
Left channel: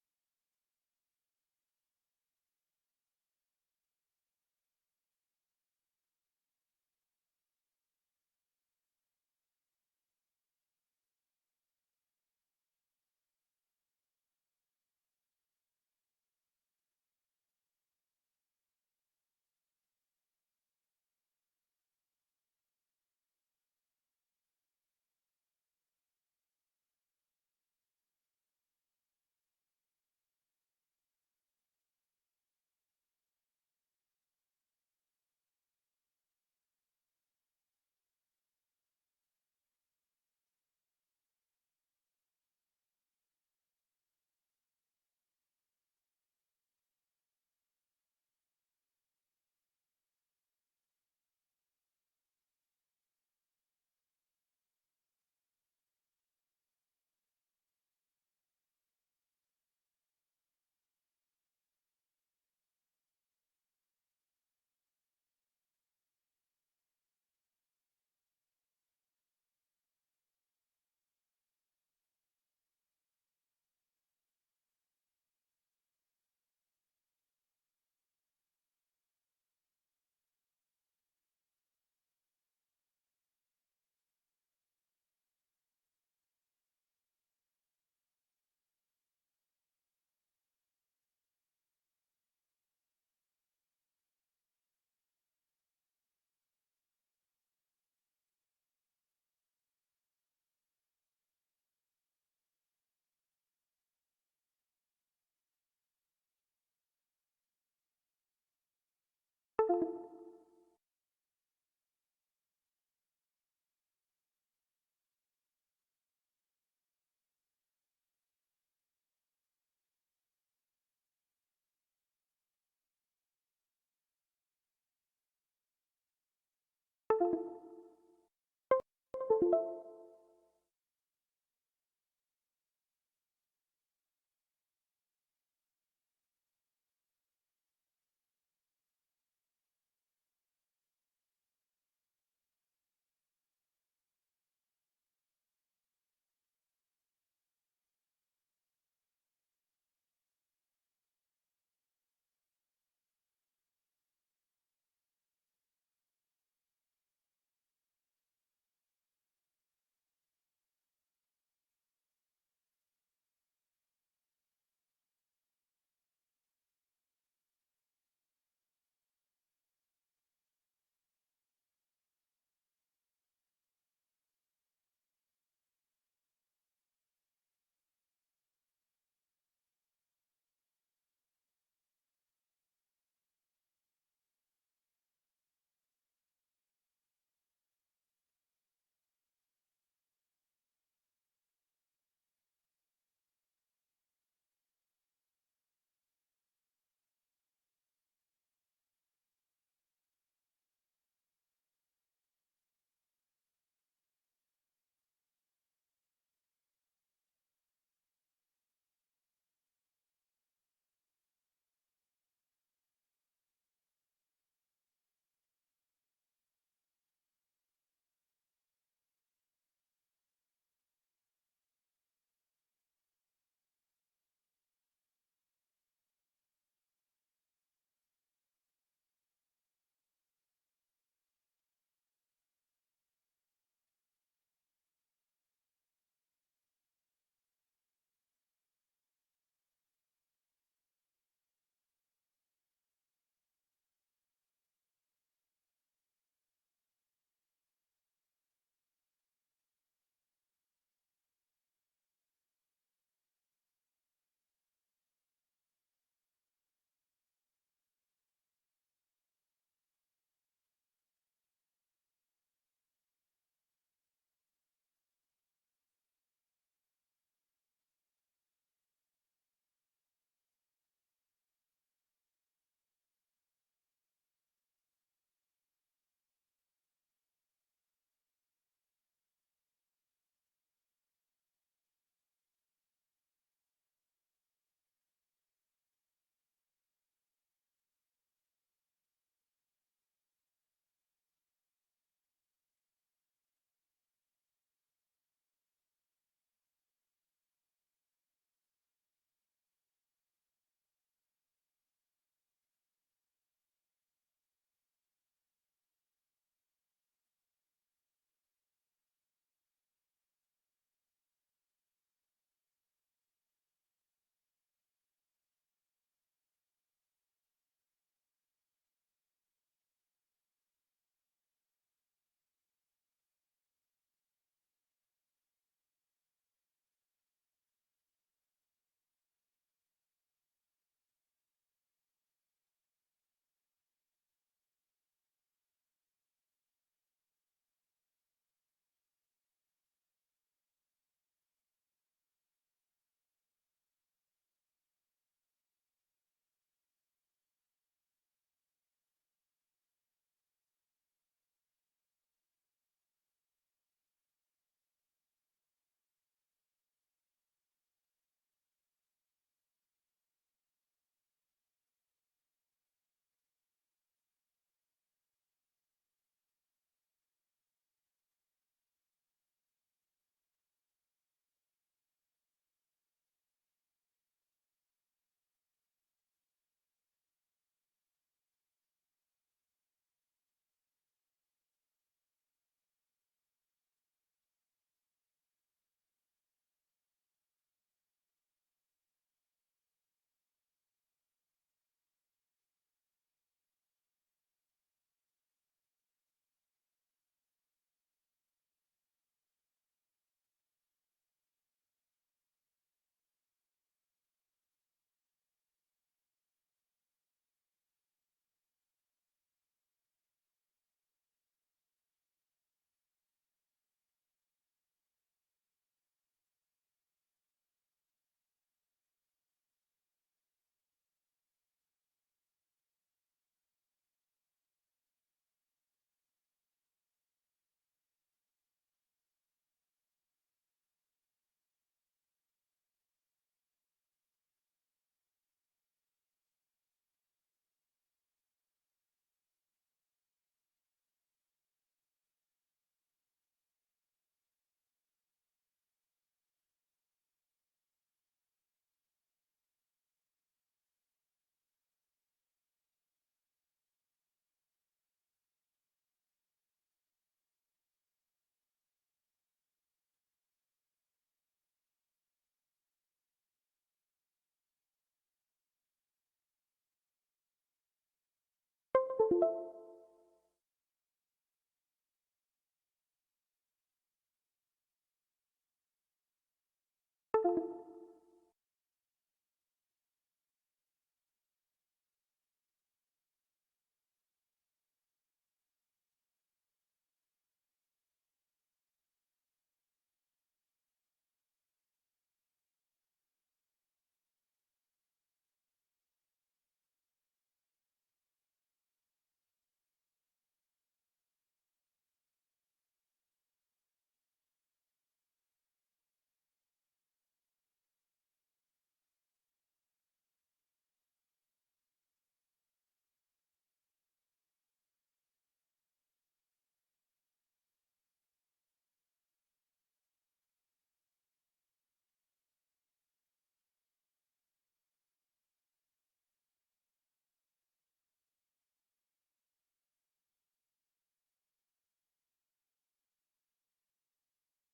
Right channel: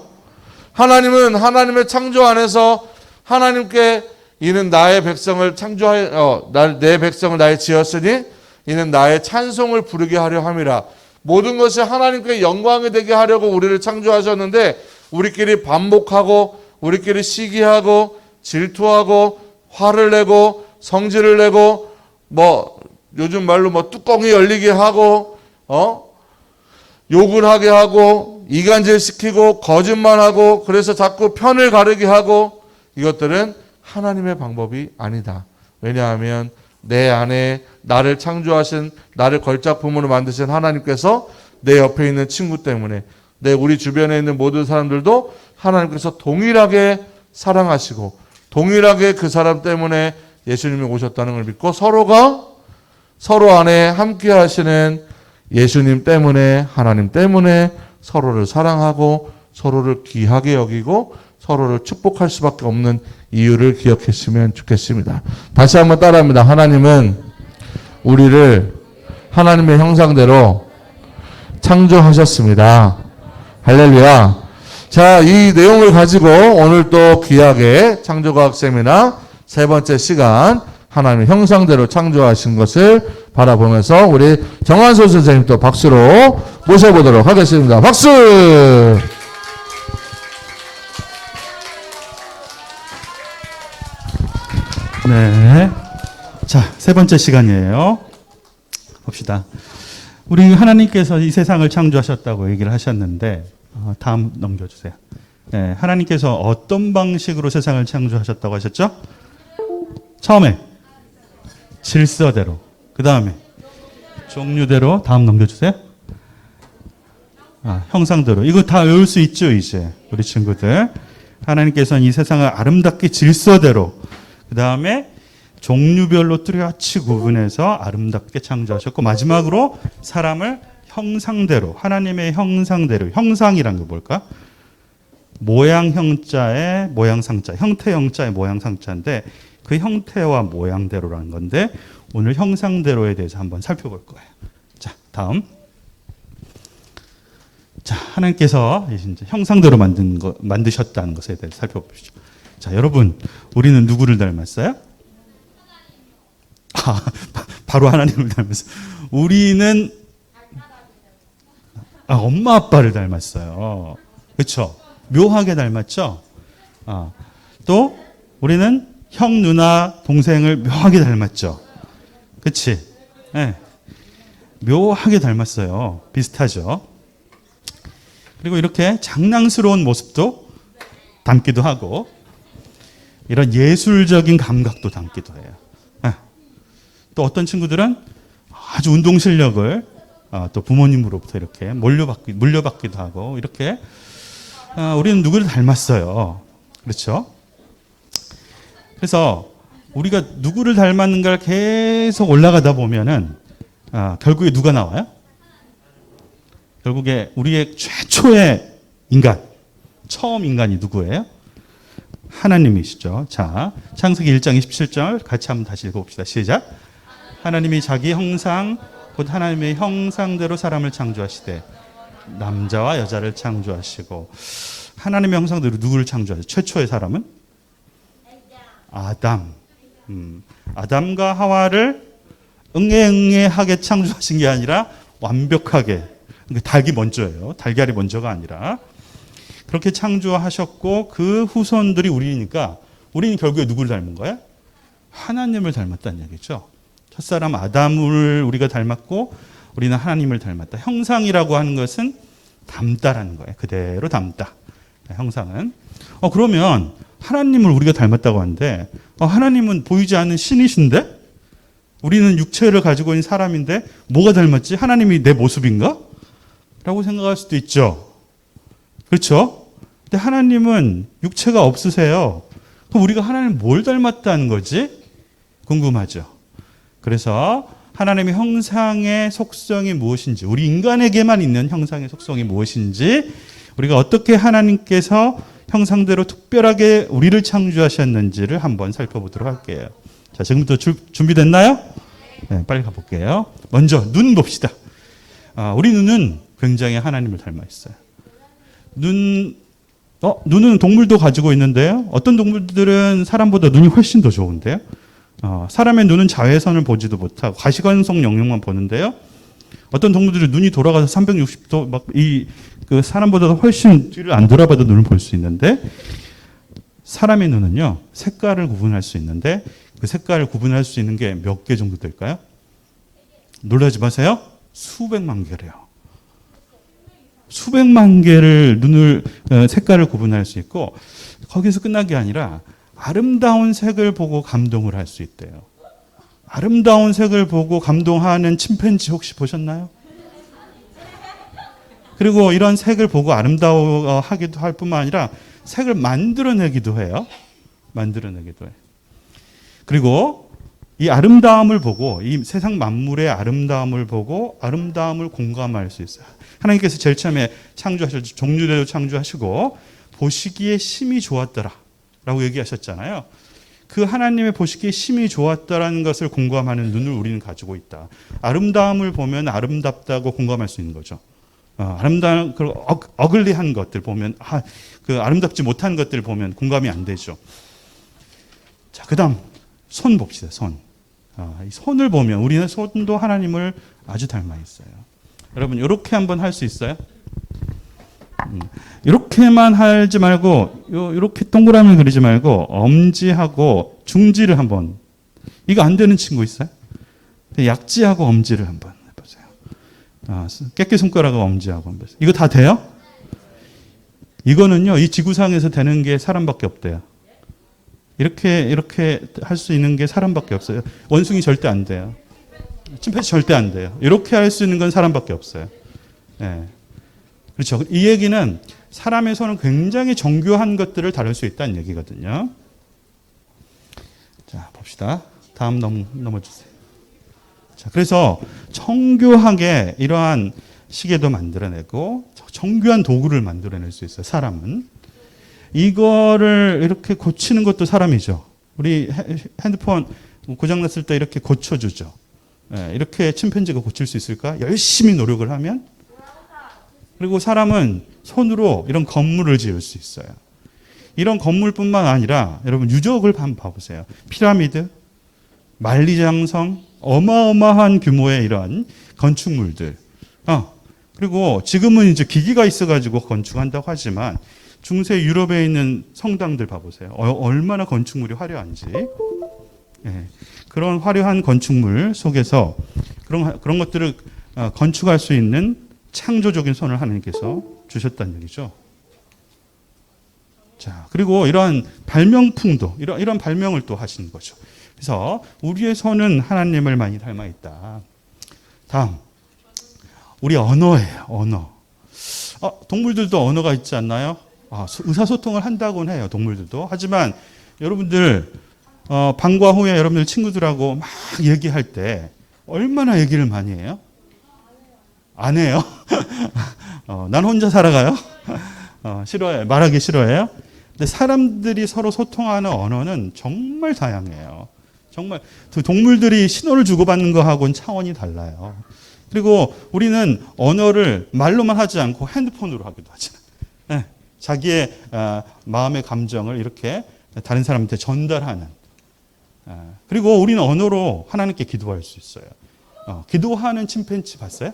하나님은 하나님의 창조 안에서 하나님께 이는 나의 백성을 창조하여 내 백성을 나의 지었으니 이는 나의 찬송을 부르게 하려 함이라. 모든 것이 하나님께 영광이 되게 하려고 우리를 창조하셨는데 우리끼리 반복하고 우리끼리 시기하고 질투하고 화를 내고 성질을 내고 뭐 요즘 말로 뭐 뚜껑이 열리게 하고 욕을 하게 하고 이간질시키고 거짓말하고 그래서 자꾸 편을 가르게 하고 이것들은 하나님의 방법이 아니다. 왜냐하면 내 안에 나를 창조하신 나를 걸작품으로 만드신 하나님께서 내 옆에 있는 친구 때문에 우리 주변에 있는 모든 사람들도 하나님께서 동일하게 사랑하시고 동일하게 그 사람 때문에 예수님이 오셨다는 걸 믿고 서로가 서로 안에 함께 하시는 예수님 때문에 하나님 때문에 서로를 사랑하고 서로를 귀하게 여기고 서로를 축복할 수밖에 없는 이유를 기억했으면 좋겠습니다. 다시 한번 따라합니다. 하나님은 우리를 하나님의 형상대로 창조하셨습니다. 할렐루야. 자, 이 내용을 가지고 오늘 또 귀하게 창조과학 세미나 세 번째 시간 하나님의 형상대로 창조하신 것을 바라보면서 우리 정한솔 선생님 또 박수로 모셔보도록 하겠습니다. 박수! 네. 자, 세 번째 시간이에요. 봅시다. 우리 하나님께서 이 세상을 창조하셨다고 얘기를 하셨는데, 다음 넘겨주세요. 네, 하나님께서 어떤 방식으로 세상을 창조하셨다고 하셨죠? 처음에 질서대로, 그 다음에 종류대로, 다음 넘겨주세요. 형상대로. 이거 다 외울 수 있죠, 이제 우리 친구들. 하나님께서는 이 세상을 아름답게 질서대로, 그 다음에 종류별로 뚜렷이 구분해서 아름답게 창조하셨고 마지막으로 사람을 형상대로, 하나님의 형상대로, 형상이란 게 뭘까? 모양 형자의 모양 상자, 형태 형자의 모양 상자인데 그 형태와 모양대로라는 건데 오늘 형상대로에 대해서 한번 살펴볼 거예요. 자, 다음. 자, 하나님께서 이제 형상대로 만드셨다는 것에 대해서 살펴보시죠. 자, 여러분, 우리는 누구를 닮았어요? 바로 하나님을 닮았어요. 우리는 엄마 아빠를 닮았어요. 그렇죠? 묘하게 닮았죠? 또 우리는 형, 누나, 동생을 묘하게 닮았죠? 그렇지? 네. 묘하게 닮았어요. 비슷하죠? 그리고 이렇게 장난스러운 모습도 닮기도 하고 이런 예술적인 감각도 담기도 해요. 또 어떤 친구들은 아주 운동 실력을 또 부모님으로부터 이렇게 물려받기도 하고 이렇게 우리는 누구를 닮았어요. 그렇죠? 그래서 우리가 누구를 닮았는가를 계속 올라가다 보면은 결국에 누가 나와요? 결국에 우리의 최초의 인간, 처음 인간이 누구예요? 하나님이시죠. 자, 창세기 1장 27절 같이 한번 다시 읽어봅시다. 시작. 하나님이 자기 형상 곧 하나님의 형상대로 사람을 창조하시되 남자와 여자를 창조하시고 하나님의 형상대로 누구를 창조하셨어요? 최초의 사람은? 아담. 아담과 하와를 응애응애하게 창조하신 게 아니라 완벽하게 그러니까 닭이 먼저예요. 달걀이 먼저가 아니라. 그렇게 창조하셨고 그 후손들이 우리니까 우리는 결국에 누구를 닮은 거야? 하나님을 닮았다는 얘기죠. 첫사람 아담을 우리가 닮았고 우리는 하나님을 닮았다. 형상이라고 하는 것은 닮다라는 거예요. 그대로 닮다. 형상은. 그러면 하나님을 우리가 닮았다고 하는데 하나님은 보이지 않는 신이신데 우리는 육체를 가지고 있는 사람인데 뭐가 닮았지? 하나님이 내 모습인가? 라고 생각할 수도 있죠. 그렇죠? 근데 하나님은 육체가 없으세요. 그럼 우리가 하나님을 뭘 닮았다는 거지? 궁금하죠. 그래서 하나님의 형상의 속성이 무엇인지, 우리 인간에게만 있는 형상의 속성이 무엇인지, 우리가 어떻게 하나님께서 형상대로 특별하게 우리를 창조하셨는지를 한번 살펴보도록 할게요. 자, 지금부터 준비됐나요? 네, 빨리 가볼게요. 먼저 눈 봅시다. 우리 눈은 굉장히 하나님을 닮아 있어요. 눈은 동물도 가지고 있는데요. 어떤 동물들은 사람보다 눈이 훨씬 더 좋은데요. 사람의 눈은 자외선을 보지도 못하고 가시광선 영역만 보는데요. 어떤 동물들은 눈이 돌아가서 360도 그 사람보다 훨씬 뒤를 안 돌아봐도 눈을 볼 수 있는데 사람의 눈은요 색깔을 구분할 수 있는데 그 색깔을 구분할 수 있는 게 몇 개 정도 될까요? 놀라지 마세요. 수백만 개래요. 수백만 개를 눈을 색깔을 구분할 수 있고 거기서 끝난 게 아니라 아름다운 색을 보고 감동을 할 수 있대요. 아름다운 색을 보고 감동하는 침팬지 혹시 보셨나요? 그리고 이런 색을 보고 아름다워하기도 할 뿐만 아니라 색을 만들어내기도 해요. 만들어내기도 해요. 그리고 이 아름다움을 보고 이 세상 만물의 아름다움을 보고 아름다움을 공감할 수 있어요. 하나님께서 제일 처음에 창조하셨죠. 종류대로 창조하시고 보시기에 심히 좋았더라 라고 얘기하셨잖아요. 그 하나님의 보시기에 심히 좋았다라는 것을 공감하는 눈을 우리는 가지고 있다. 아름다움을 보면 아름답다고 공감할 수 있는 거죠. 아름다운 그 어글리한 것들 보면 그 아름답지 못한 것들 보면 공감이 안 되죠. 자, 그다음 손 봅시다. 손. 이 손을 보면 우리는 손도 하나님을 아주 닮아 있어요. 여러분 이렇게 한번 할 수 있어요? 이렇게만 하지 말고 이렇게 동그라미 그리지 말고 엄지하고 중지를 한번. 이거 안 되는 친구 있어요? 약지하고 엄지를 한번 해보세요. 깨끼 손가락하고 엄지하고 한번. 이거 다 돼요? 이거는요 이 지구상에서 되는 게 사람밖에 없대요. 이렇게 할 수 있는 게 사람밖에 없어요. 원숭이 절대 안 돼요. 침팬지 절대 안 돼요. 이렇게 할 수 있는 건 사람밖에 없어요. 네. 그렇죠. 이 얘기는 사람의 손은 굉장히 정교한 것들을 다룰 수 있다는 얘기거든요. 자, 봅시다. 다음 넘어주세요. 자, 그래서 정교하게 이러한 시계도 만들어내고 정교한 도구를 만들어낼 수 있어요. 사람은. 이거를 이렇게 고치는 것도 사람이죠. 우리 핸드폰 고장났을 때 이렇게 고쳐주죠. 이렇게 침팬지가 고칠 수 있을까? 열심히 노력을 하면. 그리고 사람은 손으로 이런 건물을 지을 수 있어요. 이런 건물뿐만 아니라 여러분 유적을 한번 봐보세요. 피라미드, 만리장성, 어마어마한 규모의 이런 건축물들. 그리고 지금은 이제 기기가 있어가지고 건축한다고 하지만 중세 유럽에 있는 성당들 봐보세요. 얼마나 건축물이 화려한지. 그런 화려한 건축물 속에서 그런 것들을 건축할 수 있는 창조적인 손을 하나님께서 주셨다는 얘기죠. 자, 그리고 이러한 발명품도 이런 발명을 또 하시는 거죠. 그래서 우리의 손은 하나님을 많이 닮아 있다. 다음, 우리 언어예요. 언어. 동물들도 언어가 있지 않나요? 의사소통을 한다고는 해요. 동물들도. 하지만 여러분들 방과 후에 여러분들 친구들하고 막 얘기할 때 얼마나 얘기를 많이 해요? 안 해요? 난 혼자 살아가요? 싫어해요. 말하기 싫어해요? 근데 사람들이 서로 소통하는 언어는 정말 다양해요. 정말 동물들이 신호를 주고받는 거하고는 차원이 달라요. 그리고 우리는 언어를 말로만 하지 않고 핸드폰으로 하기도 하잖아요. 네. 자기의 마음의 감정을 이렇게 다른 사람한테 전달하는. 그리고 우리는 언어로 하나님께 기도할 수 있어요. 기도하는 침팬지 봤어요?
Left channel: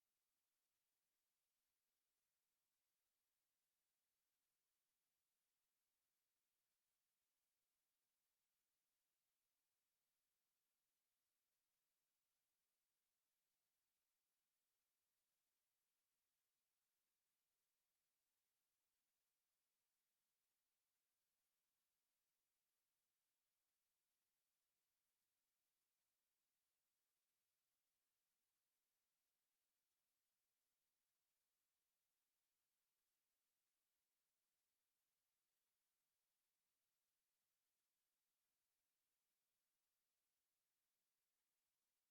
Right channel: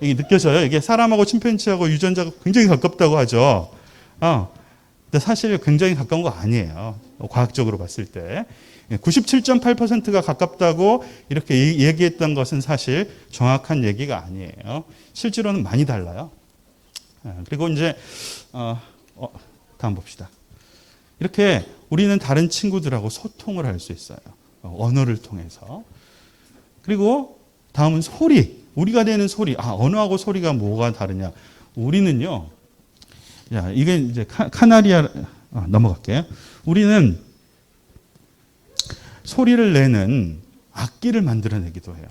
이게 느껴져요? 이게 사람하고 침팬지하고 유전자가 굉장히 가깝다고 하죠. 근데 사실 굉장히 가까운 거 아니에요. 과학적으로 봤을 때. 97.8%가 가깝다고 이렇게 얘기했던 것은 사실 정확한 얘기가 아니에요. 실제로는 많이 달라요. 그리고 이제 다음 봅시다. 이렇게 우리는 다른 친구들하고 소통을 할 수 있어요. 언어를 통해서. 그리고 다음은 소리. 우리가 내는 소리. 언어하고 소리가 뭐가 다르냐? 우리는요. 야, 이게 이제 카나리아 넘어갈게요. 우리는 소리를 내는 악기를 만들어내기도 해요.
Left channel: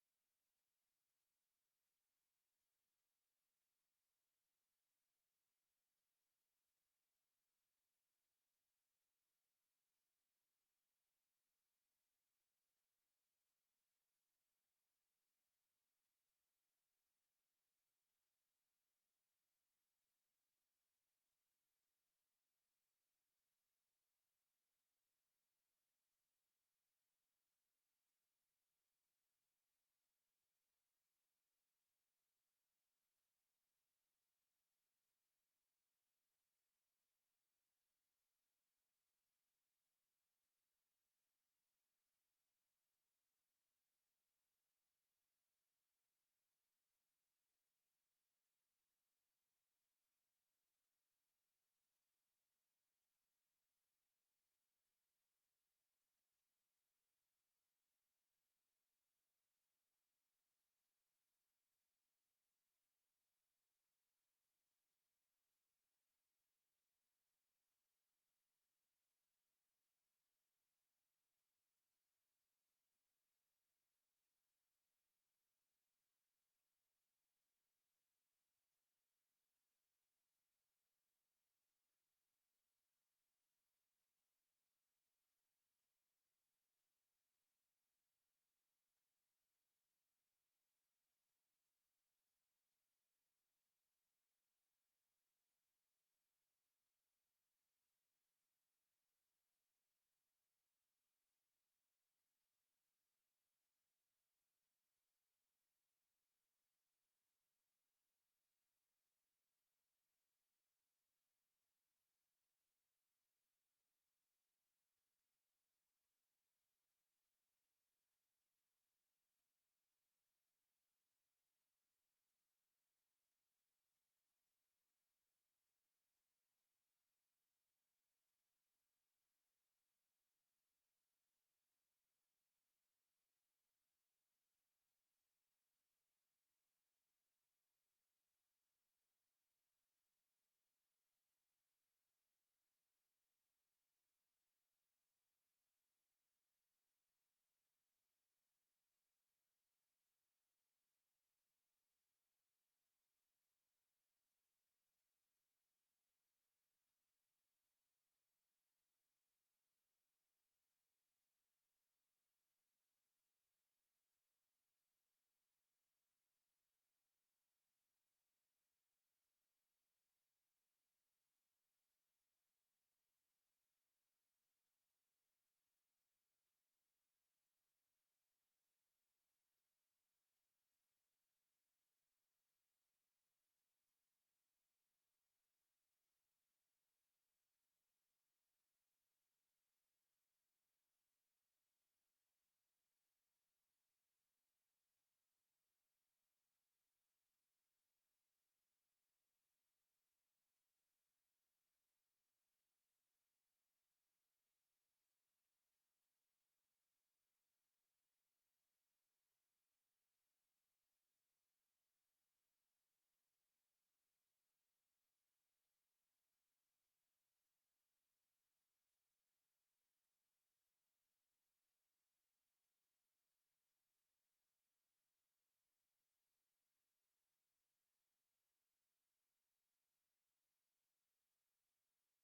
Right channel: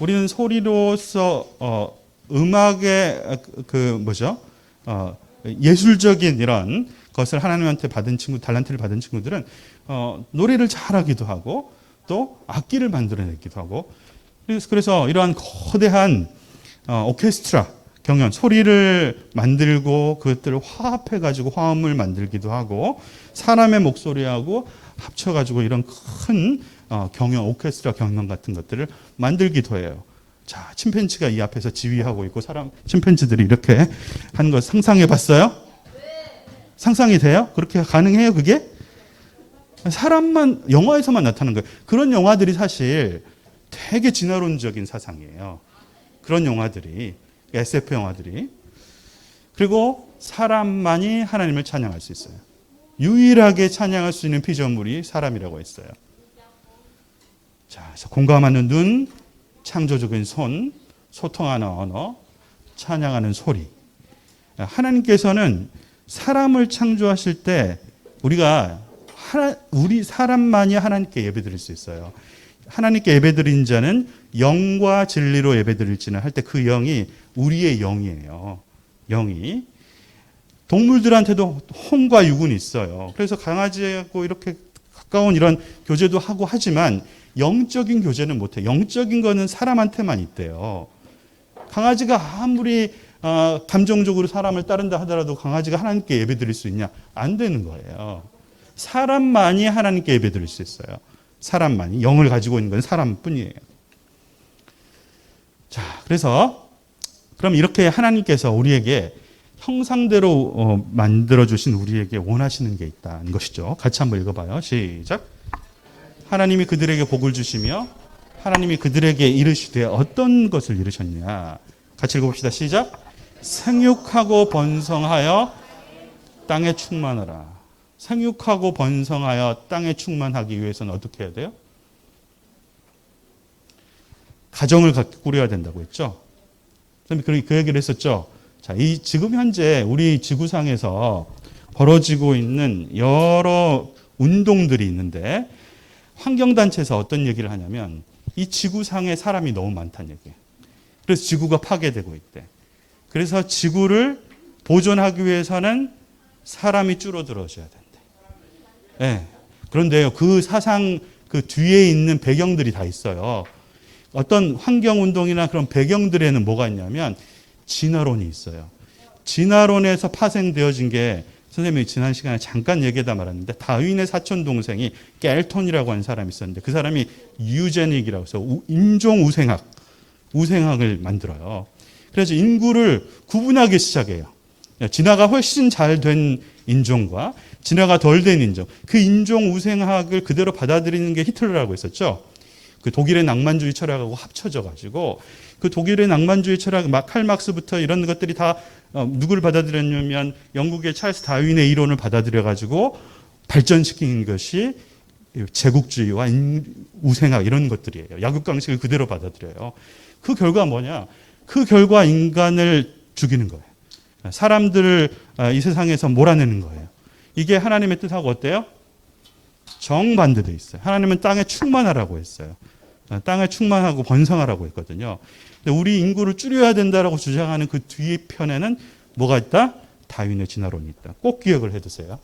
우리는 소리로서 음악의 예술적인 이런 것을 하나님한테 받은 친구, 달란트를 받은 친구들은 노래를 잘하기도 하고 또 악기를 만들어내기도 하고 그래서 이러한 거대한 오케스트라 경연 소리를 만들고 그것들을 화합해가지고 화음을 만들기도 하고 사람의 목소리하고 합쳐가지고 이런 큰 경연 오케스트라 경연 같은 것들을 만들기도 해요. 자, 침팬지가 이 앞에서 지휘하고 있고 침팬지들이 이렇게 하는 거 상상해 봤어요? 상상이 돼요? 그렇게 가능해요, 그게? 사람만 영화에서만 나타나는 거예요. 그런 영화들이 사실 되게 진화론적인 사상이에요. 그런 영화들이 SF 영화들이. 그리고 사람만이 하나님을 찬양할 수 있어요. 유일하게 찬양할 수 있는 피조물이 사람이라고 했어요. 자, 그래서 공감하는 눈, 창조적인 손, 소통하는 언어, 찬양하는 소리. 하나님께서는 사람을 창조하실 때 우리 사람만이 하나님께 예배드릴 수 있어요. 하나님께 예배드린 자는 영과 진리로 예배드릴지는 할 때 그 영이 우리의 영이에요. 영이. 동물들한테도 혼과 육은 있어요. 그래서 강아지하고 이렇게 가까운 이런 교제도 하고 하지만 영적인 교제는 못해요. 영적인 거는 사람한테만 있대요. 강아지가 아무리 감정적으로 사람을 따른다 하더라도 강아지가 하나님께 예배드릴 수 있냐? 안 되는 거예요. 사람만이 하나님께 예배드릴 수 있어요. 사람만이. 영을 가지고 있는 건 사람뿐이에요. 자, 그래서 그럼 이렇게 하나님께서 우리에게 형상대로 만들어주신 우리에게 원하시는 게 있다는 것이죠. 같이 한번 읽어봐요. 시작. 하나님이 그들에게 복을 주시며 하나님이 그들에게 이르시되 어떤 것을 이르셨냐. 같이 읽어봅시다. 시작. 생육하고 번성하여 땅에 충만하라. 생육하고 번성하여 땅에 충만하기 위해서는 어떻게 해야 돼요? 가정을 꾸려야 된다고 했죠. 그 얘기를 했었죠. 자, 지금 현재 우리 지구상에서 벌어지고 있는 여러 운동들이 있는데 환경단체에서 어떤 얘기를 하냐면 이 지구상에 사람이 너무 많다는 얘기예요. 그래서 지구가 파괴되고 있대. 그래서 지구를 보존하기 위해서는 사람이 줄어들어져야 된대. 네. 그런데요, 그 사상 그 뒤에 있는 배경들이 다 있어요. 어떤 환경운동이나 그런 배경들에는 뭐가 있냐면 진화론이 있어요. 진화론에서 파생되어진 게 선생님이 지난 시간에 잠깐 얘기하다 말았는데 다윈의 사촌 동생이 켈톤이라고 하는 사람이 있었는데 그 사람이 유제닉이라고 해서 인종 우생학을 만들어요. 그래서 인구를 구분하기 시작해요. 진화가 훨씬 잘 된 인종과 진화가 덜 된 인종. 그 인종 우생학을 그대로 받아들이는 게 히틀러라고 했었죠. 그 독일의 낭만주의 철학하고 합쳐져 가지고 그 독일의 낭만주의 철학 칼 막스부터 이런 것들이 다 누구를 받아들였냐면 영국의 찰스 다윈의 이론을 받아들여 가지고 발전시킨 것이 제국주의와 우생학 이런 것들이에요. 약육강식을 그대로 받아들여요. 그 결과 뭐냐? 그 결과 인간을 죽이는 거예요. 사람들을 이 세상에서 몰아내는 거예요. 이게 하나님의 뜻하고 어때요? 정반대돼 있어요. 하나님은 땅에 충만하라고 했어요. 땅에 충만하고 번성하라고 했거든요. 근데 우리 인구를 줄여야 된다라고 주장하는 그 뒤에 편에는 뭐가 있다? 다윈의 진화론이 있다. 꼭 기억을 해두세요.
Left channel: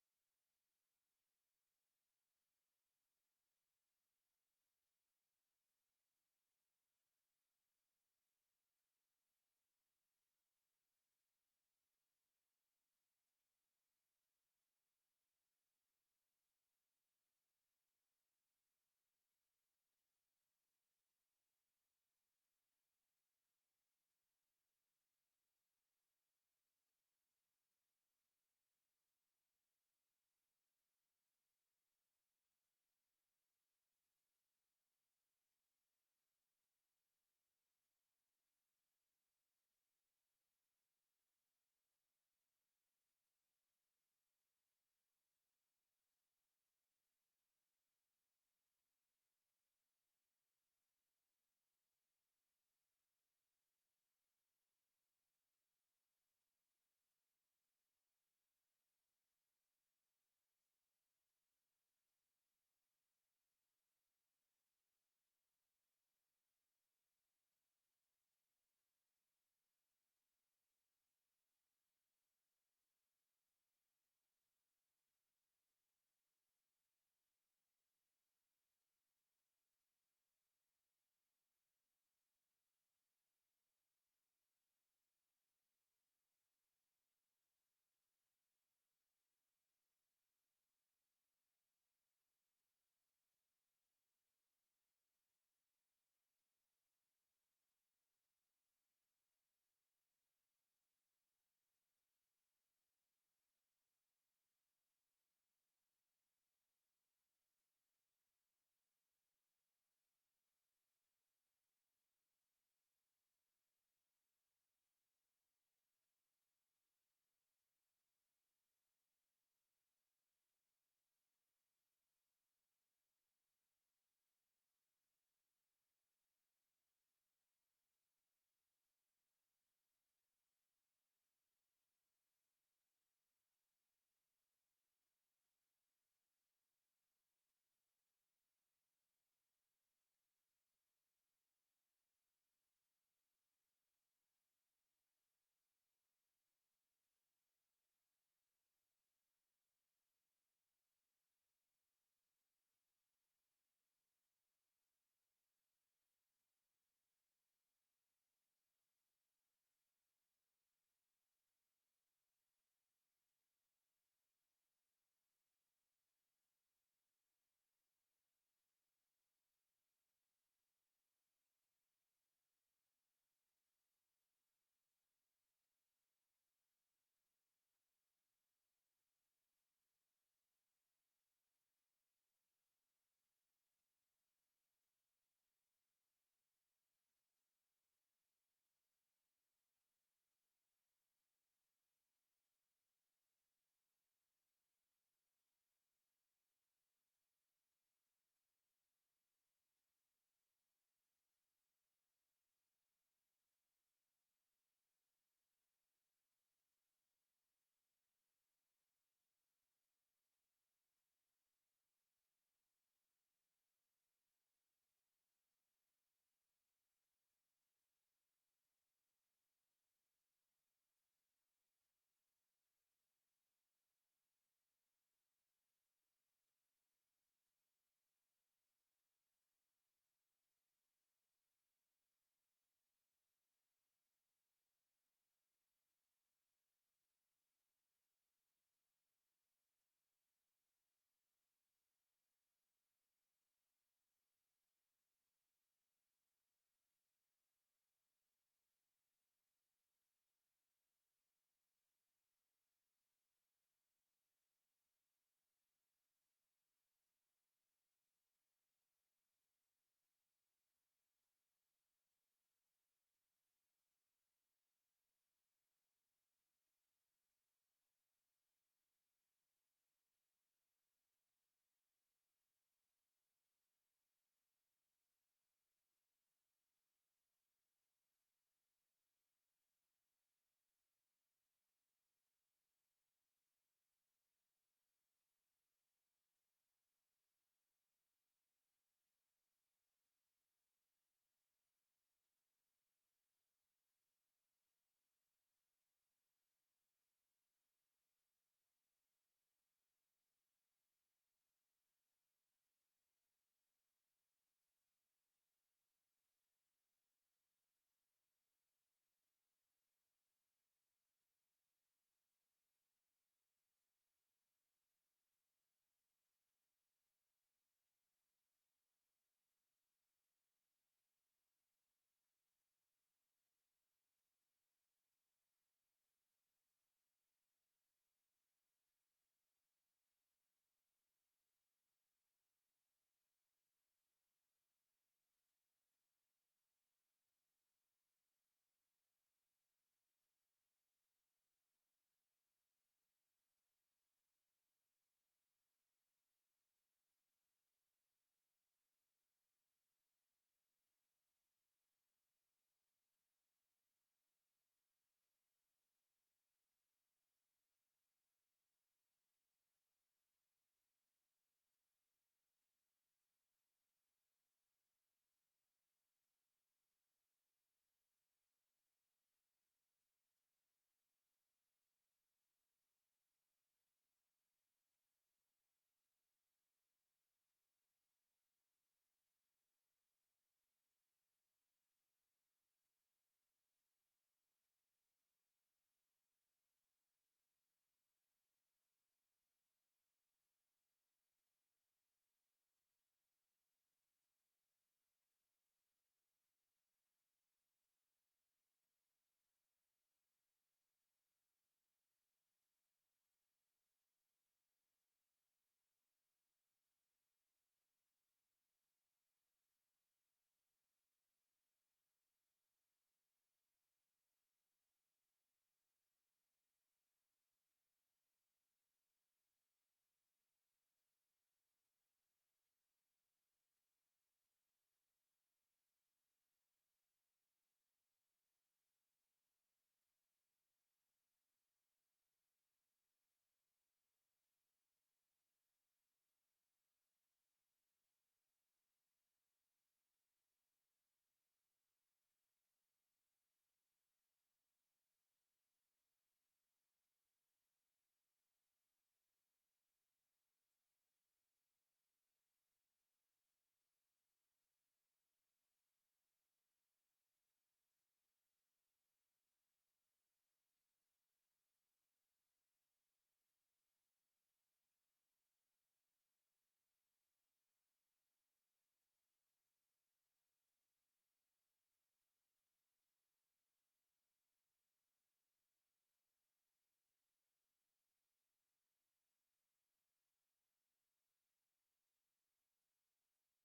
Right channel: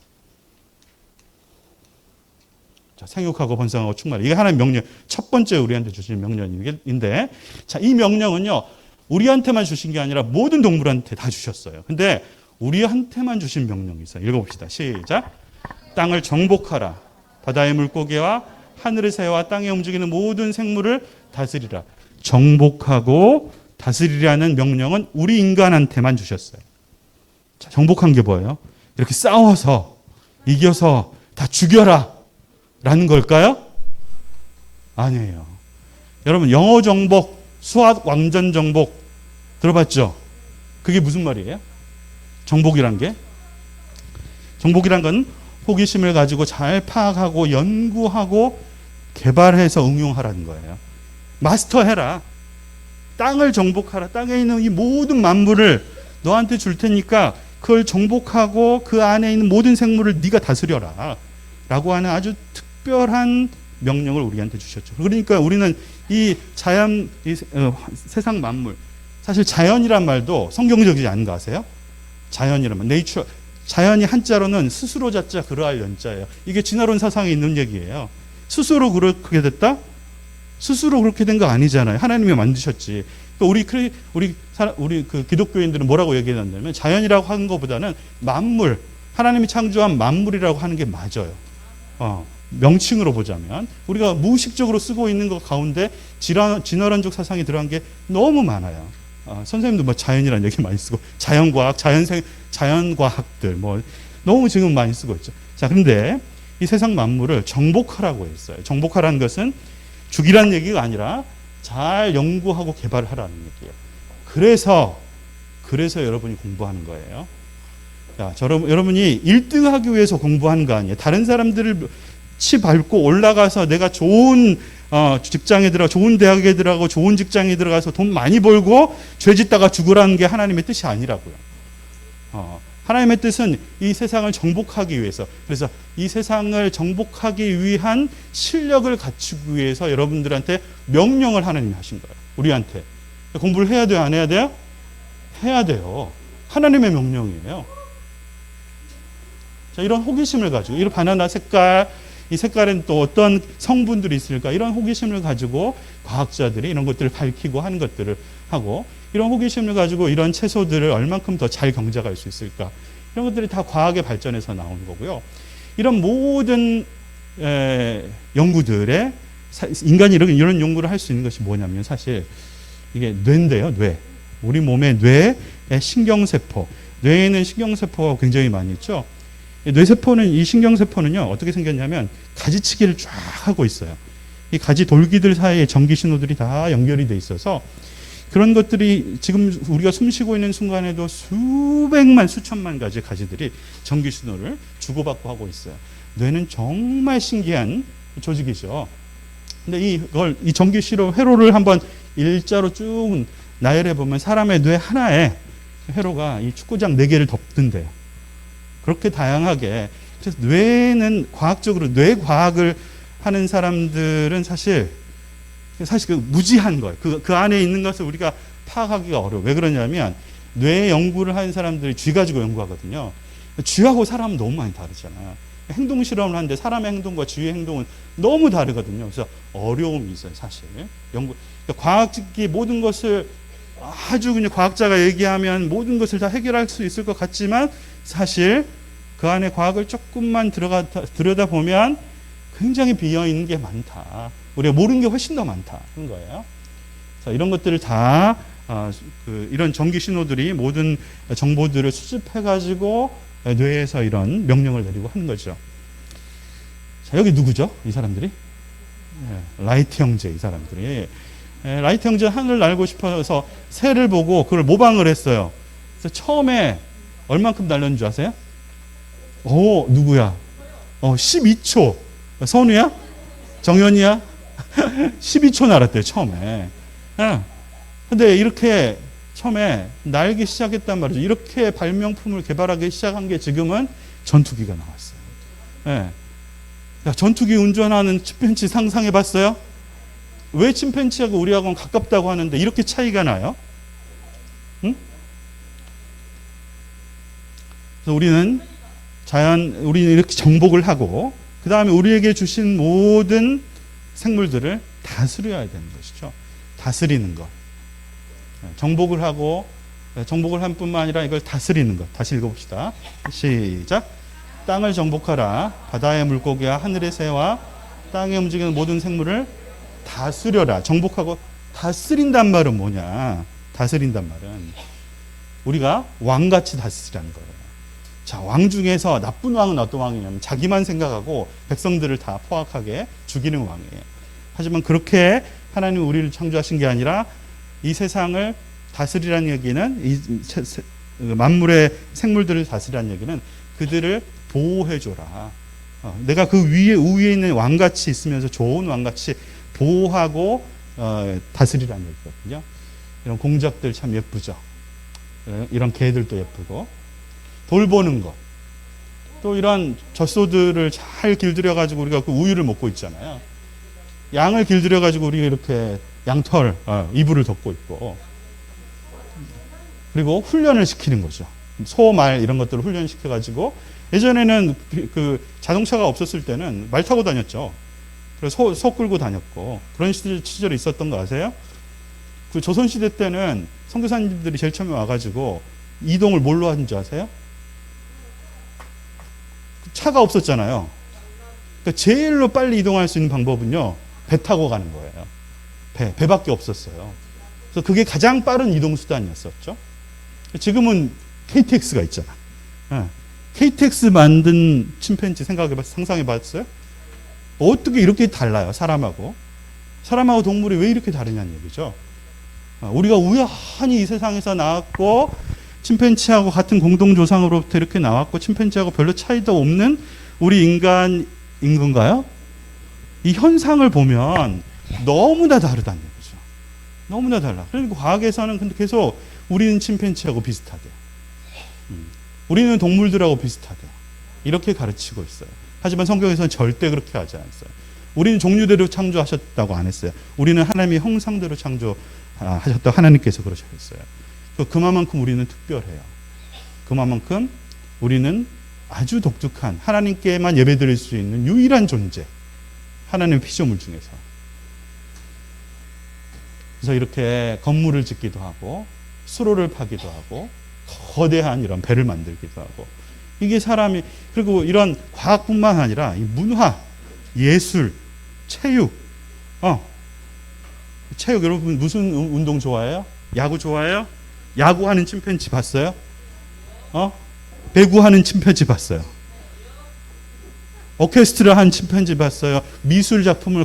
자, 생육하고 번성하고 충만하라. 이게 하나님의 명령. 첫 번째 우리한테 주신 명령인데, 자, 이 명령은요, 우리한테만 주신 게 아니라 모든 동물한테 다 주셨어요. 근데 우리한테만 주신 명령이 있어요. 읽어봅시다. 시작. 땅을 정복하라. 바다의 물고기와 하늘의 새와 땅에 움직이는 모든 생물을 다스리라. 정복하고 다스리라는 명령은 우리 인간한테만 주셨어요. 자, 정복한 게 뭐예요? 이렇게 싸워서 이겨서 다 죽여라 라는 걸까요? 아니에요. 여러분 영어 정복, 수학 왕전 정복 들어봤죠? 그게 무슨 말이에요? 정복이란 게? 정복이란 건 호기심을 가지고 잘 파악하고 연구하고 개발해서 응용하라는 거예요. 마스터해라. 땅을 정복하라. 땅에 있는 이 모든 만물을 너한테 줄 테니까 그걸 정복하고 그 안에 있는 모든 생물을 네가 다스려라 라고 하는 아주 특별한 명령을 우리한테 주셨죠. 그러니까 우리는 이 자연, 세상 만물, 사실 자연이란 말도 성경적이지 않은 거 아세요? 자연이란 말, 네이처, 자연이 한자로는 스스로 자자 그러할 연자예요. 이게 진화론 사상에 있는 얘기예요. 스스로 그렇게 됐다? 스스로 그렇게 된 거 아니잖아요. 하나님이 만드셨지. 우리 그 기독교인들은 뭐라고 얘기하냐면 자연이라고 하는 것보다는 만물, 하나님이 창조한 만물이라고 하는 게 맞아요. 명칭으로 보자면 우리가 무의식적으로 쓰고 있는 것 가운데 진화론적 사상이 들어간 게 너무 많아요. 선생님도 뭐 자연이라는 얘기 많이 쓰고 자연과학, 자연과학들 뭐 너무 지금 많이 쓰고 있죠. 자, 그런데 이 세상 만물을 정복하라고 했어요. 정복하라는 것은 죽이라는 얘기가 아니라 잘 연구하고 개발하라는 얘기예요. 그래서 여러분이 공부하는 거예요. 자, 여러분이 1등하기 위해서 공부하는 거 아니에요. 다른 사람들을 치 밟고 올라가서 내가 좋은 직장에 들어가 좋은 대학에 들어가고 좋은 직장에 들어가서 돈 많이 벌고 죄 짓다가 죽으라는 게 하나님의 뜻이 아니라고요. 하나님의 뜻은 이 세상을 정복하기 위해서, 그래서 이 세상을 정복하기 위한 실력을 갖추기 위해서 여러분들한테 명령을 하나님이 하신 거예요. 우리한테. 공부를 해야 돼요? 안 해야 돼요? 해야 돼요. 하나님의 명령이에요. 자, 이런 호기심을 가지고, 이런 바나나 색깔, 이 색깔엔 또 어떤 성분들이 있을까? 이런 호기심을 가지고 과학자들이 이런 것들을 밝히고 하는 것들을 하고, 이런 호기심을 가지고 이런 채소들을 얼만큼 더 잘 경작할 수 있을까? 이런 것들이 다 과학의 발전에서 나오는 거고요. 이런 모든 연구들에 인간이 이런 연구를 할 수 있는 것이 뭐냐면 사실 이게 뇌인데요. 뇌. 우리 몸의 뇌의 신경세포. 뇌에는 신경세포가 굉장히 많이 있죠. 이 신경세포는요, 어떻게 생겼냐면 가지치기를 쫙 하고 있어요. 이 가지 돌기들 사이에 전기 신호들이 다 연결이 돼 있어서 그런 것들이 지금 우리가 숨 쉬고 있는 순간에도 수백만, 수천만 가지 가지들이 전기 신호를 주고받고 하고 있어요. 뇌는 정말 신기한 조직이죠. 근데 이 전기 신호 회로를 한번 일자로 쭉 나열해 보면 사람의 뇌 하나에 회로가 이 축구장 4개를 덮는데요. 그렇게 다양하게. 그래서 뇌는 과학적으로 뇌 과학을 하는 사람들은 사실 그 무지한 거예요. 그 안에 있는 것을 우리가 파악하기가 어려워요. 왜 그러냐면 뇌 연구를 하는 사람들이 쥐 가지고 연구하거든요. 쥐하고 사람은 너무 많이 다르잖아요. 행동 실험을 하는데 사람의 행동과 쥐의 행동은 너무 다르거든요. 그래서 어려움이 있어요, 사실. 그러니까 과학적인 모든 것을 아주 그냥 과학자가 얘기하면 모든 것을 다 해결할 수 있을 것 같지만 사실 그 안에 과학을 조금만 들여다보면 굉장히 비어있는 게 많다. 우리가 모르는 게 훨씬 더 많다. 그런 거예요. 자, 이런 것들을 다 이런 전기 신호들이 모든 정보들을 수집해가지고 뇌에서 이런 명령을 내리고 하는 거죠. 자, 여기 누구죠? 이 사람들이? 라이트 형제, 이 사람들이. 라이트 형제 하늘을 날고 싶어서 새를 보고 그걸 모방을 했어요. 그래서 처음에 얼만큼 날렸는 줄 아세요? 누구야? 12초. 선우야? 정연이야? 12초 날았대요, 처음에. 근데 이렇게 처음에 날기 시작했단 말이죠. 이렇게 발명품을 개발하기 시작한 게 지금은 전투기가 나왔어요. 전투기 운전하는 침팬지 상상해 봤어요? 왜 침팬지하고 우리하고는 가깝다고 하는데 이렇게 차이가 나요? 응? 그래서 우리는 이렇게 정복을 하고, 그 다음에 우리에게 주신 모든 생물들을 다스려야 되는 것이죠. 다스리는 것. 정복을 하고, 정복을 한 뿐만 아니라 이걸 다스리는 것. 다시 읽어봅시다. 시작. 땅을 정복하라. 바다의 물고기와 하늘의 새와 땅에 움직이는 모든 생물을 다스려라. 정복하고 다스린단 말은 뭐냐? 다스린단 말은 우리가 왕같이 다스리라는 거예요. 자, 왕 중에서 나쁜 왕은 어떤 왕이냐면 자기만 생각하고 백성들을 다 포악하게 죽이는 왕이에요. 하지만 그렇게 하나님 우리를 창조하신 게 아니라 이 세상을 다스리라는 얘기는 만물의 생물들을 다스리라는 얘기는 그들을 보호해줘라. 내가 그 우위에 있는 왕같이 있으면서 좋은 왕같이 보호하고 다스리라는 얘기거든요. 이런 공작들 참 예쁘죠. 이런 개들도 예쁘고 돌보는 것. 또 이런 젖소들을 잘 길들여 가지고 우리가 그 우유를 먹고 있잖아요. 양을 길들여 가지고 우리가 이렇게 양털 이불을 덮고 있고, 그리고 훈련을 시키는 거죠. 소, 말 이런 것들을 훈련시켜 가지고 예전에는 그 자동차가 없었을 때는 말 타고 다녔죠. 그래서 소 끌고 다녔고 그런 시절이 있었던 거 아세요? 그 조선시대 때는 선교사님들이 제일 처음에 와가지고 이동을 뭘로 하는 줄 아세요? 차가 없었잖아요. 그러니까 제일로 빨리 이동할 수 있는 방법은요, 배 타고 가는 거예요. 배밖에 없었어요. 그래서 그게 가장 빠른 이동 수단이었었죠. 지금은 KTX가 있잖아. KTX 만든 침팬지 상상해 봤어요? 어떻게 이렇게 달라요? 사람하고 동물이 왜 이렇게 다르냐는 얘기죠. 우리가 우연히 이 세상에서 나왔고 침팬지하고 같은 공동조상으로부터 이렇게 나왔고 침팬지하고 별로 차이도 없는 우리 인간인 건가요? 이 현상을 보면 너무나 다르다는 얘기죠. 너무나 달라. 그리고 과학에서는 근데 계속 우리는 침팬지하고 비슷하대요. 우리는 동물들하고 비슷하대요. 이렇게 가르치고 있어요. 하지만 성경에서는 절대 그렇게 하지 않았어요. 우리는 종류대로 창조하셨다고 안 했어요. 우리는 하나님의 형상대로 창조하셨다고 하나님께서 그러셨어요. 그만큼 우리는 특별해요. 그만큼 우리는 아주 독특한 하나님께만 예배드릴 수 있는 유일한 존재, 하나님의 피조물 중에서. 그래서 이렇게 건물을 짓기도 하고 수로를 파기도 하고 거대한 이런 배를 만들기도 하고, 이게 사람이, 그리고 이런 과학뿐만 아니라 이 문화, 예술, 체육, 체육, 여러분 무슨 운동 좋아해요? 야구 좋아해요? 야구하는 침팬지 봤어요? 배구하는 침팬지 봤어요? 오케스트라 한 침팬지 봤어요? 미술 작품을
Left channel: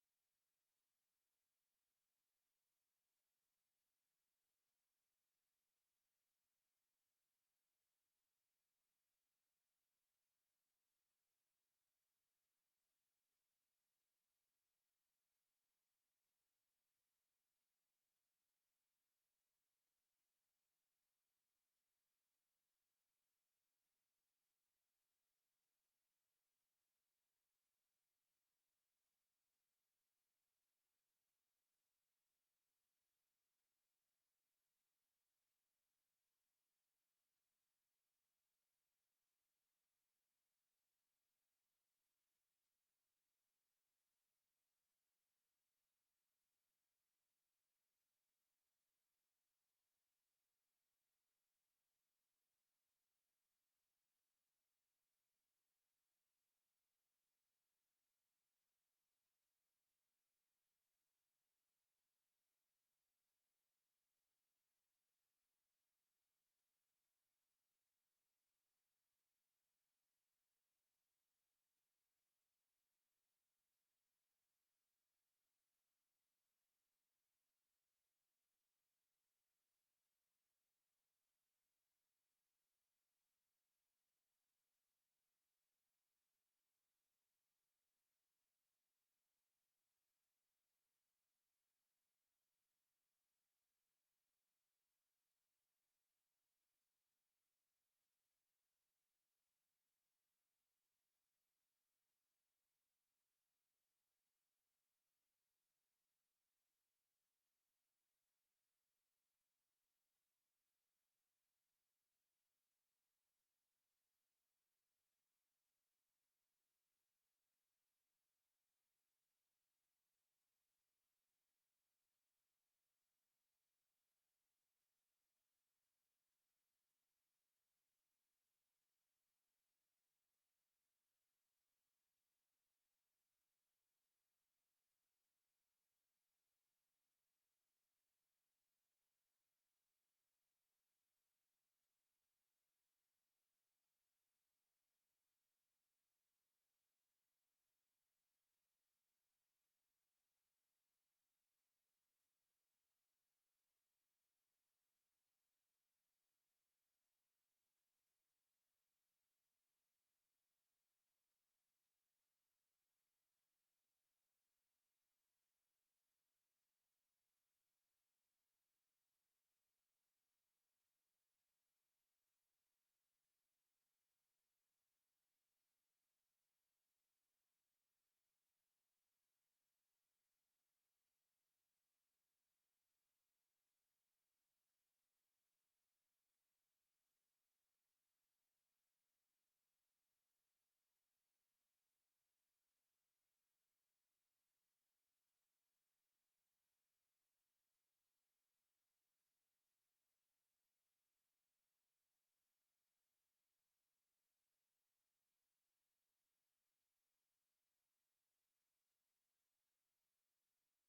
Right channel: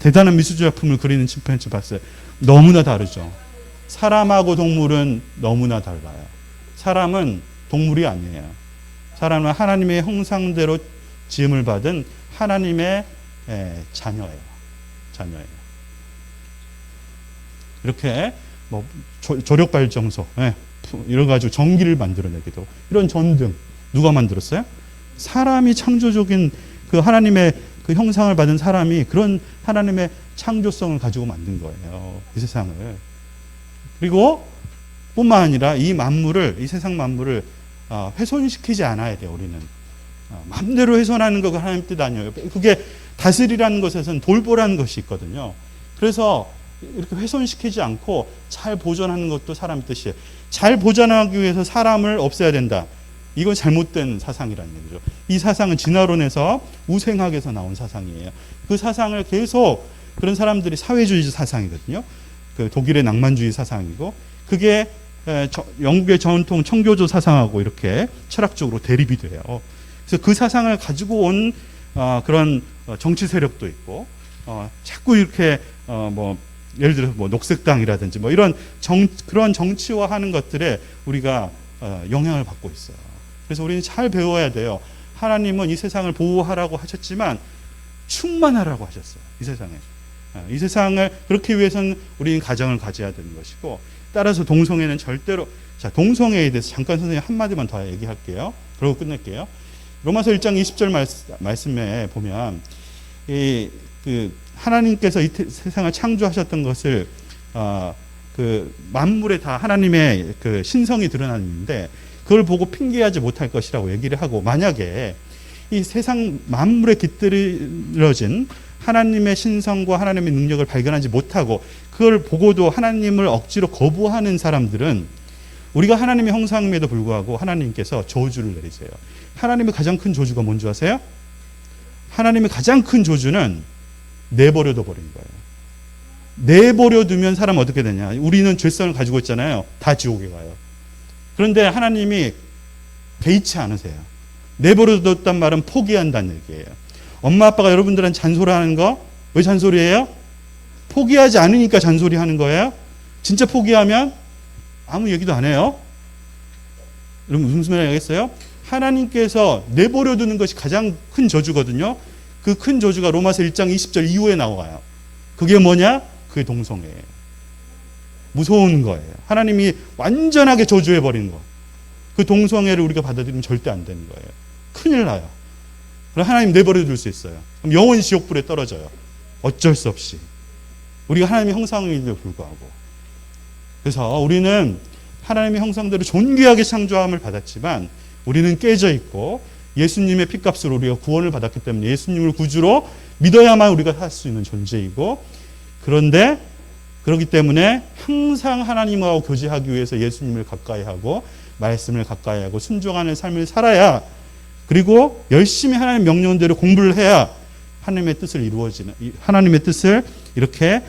대단한 미술 작품을 그리는 침팬지 봤어요? 너무나 다르죠. 사람하고 동물은 너무나 달라요. 사람은 동물이 아니에요. 사람은 하나님의 형상대로 지음을 받은 하나님의 자녀예요. 이렇게 뭐 조력발전소 이런 가지고 전기를 만들어내기도, 이런 전등 누가 만들었어요? 사람이 창조적인 그 하나님의 그 형상을 받은 사람이 그런 하나님의 창조성을 가지고 만든 거예요, 이 세상을. 그리고 뿐만 아니라 이 세상 만물을 훼손시키지 않아야 돼요. 우리는 마음대로 훼손하는 거가 하나님 뜻 아니에요. 그게 다스리라는 것에서는 돌보라는 것이 있거든요. 그래서 이렇게 훼손시키지 않고 잘 보존하는 것도 사람 뜻이에요. 잘 보존하기 위해서 사람을 없애야 된다. 이건 잘못된 사상이라는 얘기죠. 이 사상은 진화론에서 우생학에서 나온 사상이에요. 그 사상을 계속, 그런 사람들이 사회주의 사상이거든요. 그 독일의 낭만주의 사상이고, 그게 영국의 전통 청교도 사상하고 이렇게 철학적으로 대립이 돼요. 그래서 그 사상을 가지고 온 그런 정치 세력도 있고, 자꾸 이렇게 예를 들어서 녹색당이라든지 이런 그런 정치화하는 것들에 우리가 영향을 받고 있어요. 그래서 우리는 잘 배워야 돼요. 하나님은 이 세상을 보호하라고 하셨지만 충만하라고 하셨어요. 이 세상에. 이 세상을 그렇게 위해서는 우리는 가정을 가져야 되는 것이고, 따라서 동성애는 절대로, 자, 동성애에 대해서 잠깐 선생님 한마디만 더 얘기할게요. 그러고 끝낼게요. 로마서 1장 20절 말씀에 보면 하나님께서 이 세상을 창조하셨던 것을 그 만물에 다 하나님의 그 신성이 드러났는데 그걸 보고 핑계하지 못할 것이라고 얘기를 하고, 만약에 이 세상 만물에 깃들어진 하나님의 신성과 하나님의 능력을 발견하지 못하고 그걸 보고도 하나님을 억지로 거부하는 사람들은, 우리가 하나님의 형상임에도 불구하고 하나님께서 저주를 내리세요. 하나님의 가장 큰 저주가 뭔지 아세요? 하나님의 가장 큰 저주는 내버려둬 버린 거예요. 내버려 두면 사람 어떻게 되냐? 우리는 죄성을 가지고 있잖아요. 다 지옥에 가요. 그런데 하나님이 개의치 않으세요. 내버려 뒀단 말은 포기한다는 얘기예요. 엄마 아빠가 여러분들한테 잔소리하는 거 왜 잔소리해요? 포기하지 않으니까 잔소리하는 거예요. 진짜 포기하면 아무 얘기도 안 해요. 여러분 무슨 말인지 알겠어요? 하나님께서 내버려 두는 것이 가장 큰 저주거든요. 그 큰 저주가 로마서 1장 20절 이후에 나와요. 그게 뭐냐? 그게 동성애예요. 무서운 거예요. 하나님이 완전하게 저주해 버리는 거. 그 동성애를 우리가 받아들이면 절대 안 되는 거예요. 큰일 나요. 그럼 하나님 내버려 둘 수 있어요. 그럼 영원히 지옥불에 떨어져요. 어쩔 수 없이. 우리가 하나님의 형상임에도 불구하고. 그래서 우리는 하나님의 형상대로 존귀하게 창조함을 받았지만 우리는 깨져 있고 예수님의 피값으로 우리가 구원을 받았기 때문에 예수님을 구주로 믿어야만 우리가 살 수 있는 존재이고, 그런데 그렇기 때문에 항상 하나님하고 교제하기 위해서 예수님을 가까이 하고 말씀을 가까이 하고 순종하는 삶을 살아야, 그리고 열심히 하나님의 명령대로 공부를 해야 하나님의 뜻을 이루어지는, 하나님의 뜻을 이렇게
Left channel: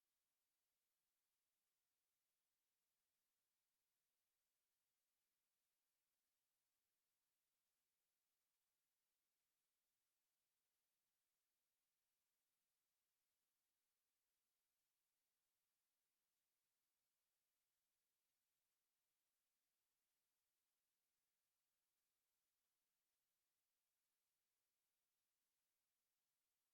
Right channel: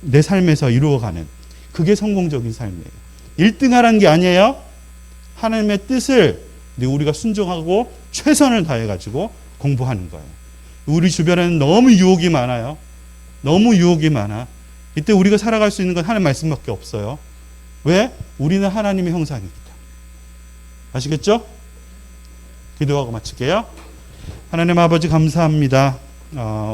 내 삶에서 이루어가는, 그게 성공적인 삶이에요. 1등 하라는 게 아니에요. 하나님의 뜻을 우리가 순종하고 최선을 다해가지고 공부하는 거예요. 우리 주변에는 너무 유혹이 많아요. 너무 유혹이 많아. 이때 우리가 살아갈 수 있는 건 하나님 말씀밖에 없어요. 왜? 우리는 하나님의 형상이기 때문에. 아시겠죠? 기도하고 마칠게요. 하나님 아버지 감사합니다.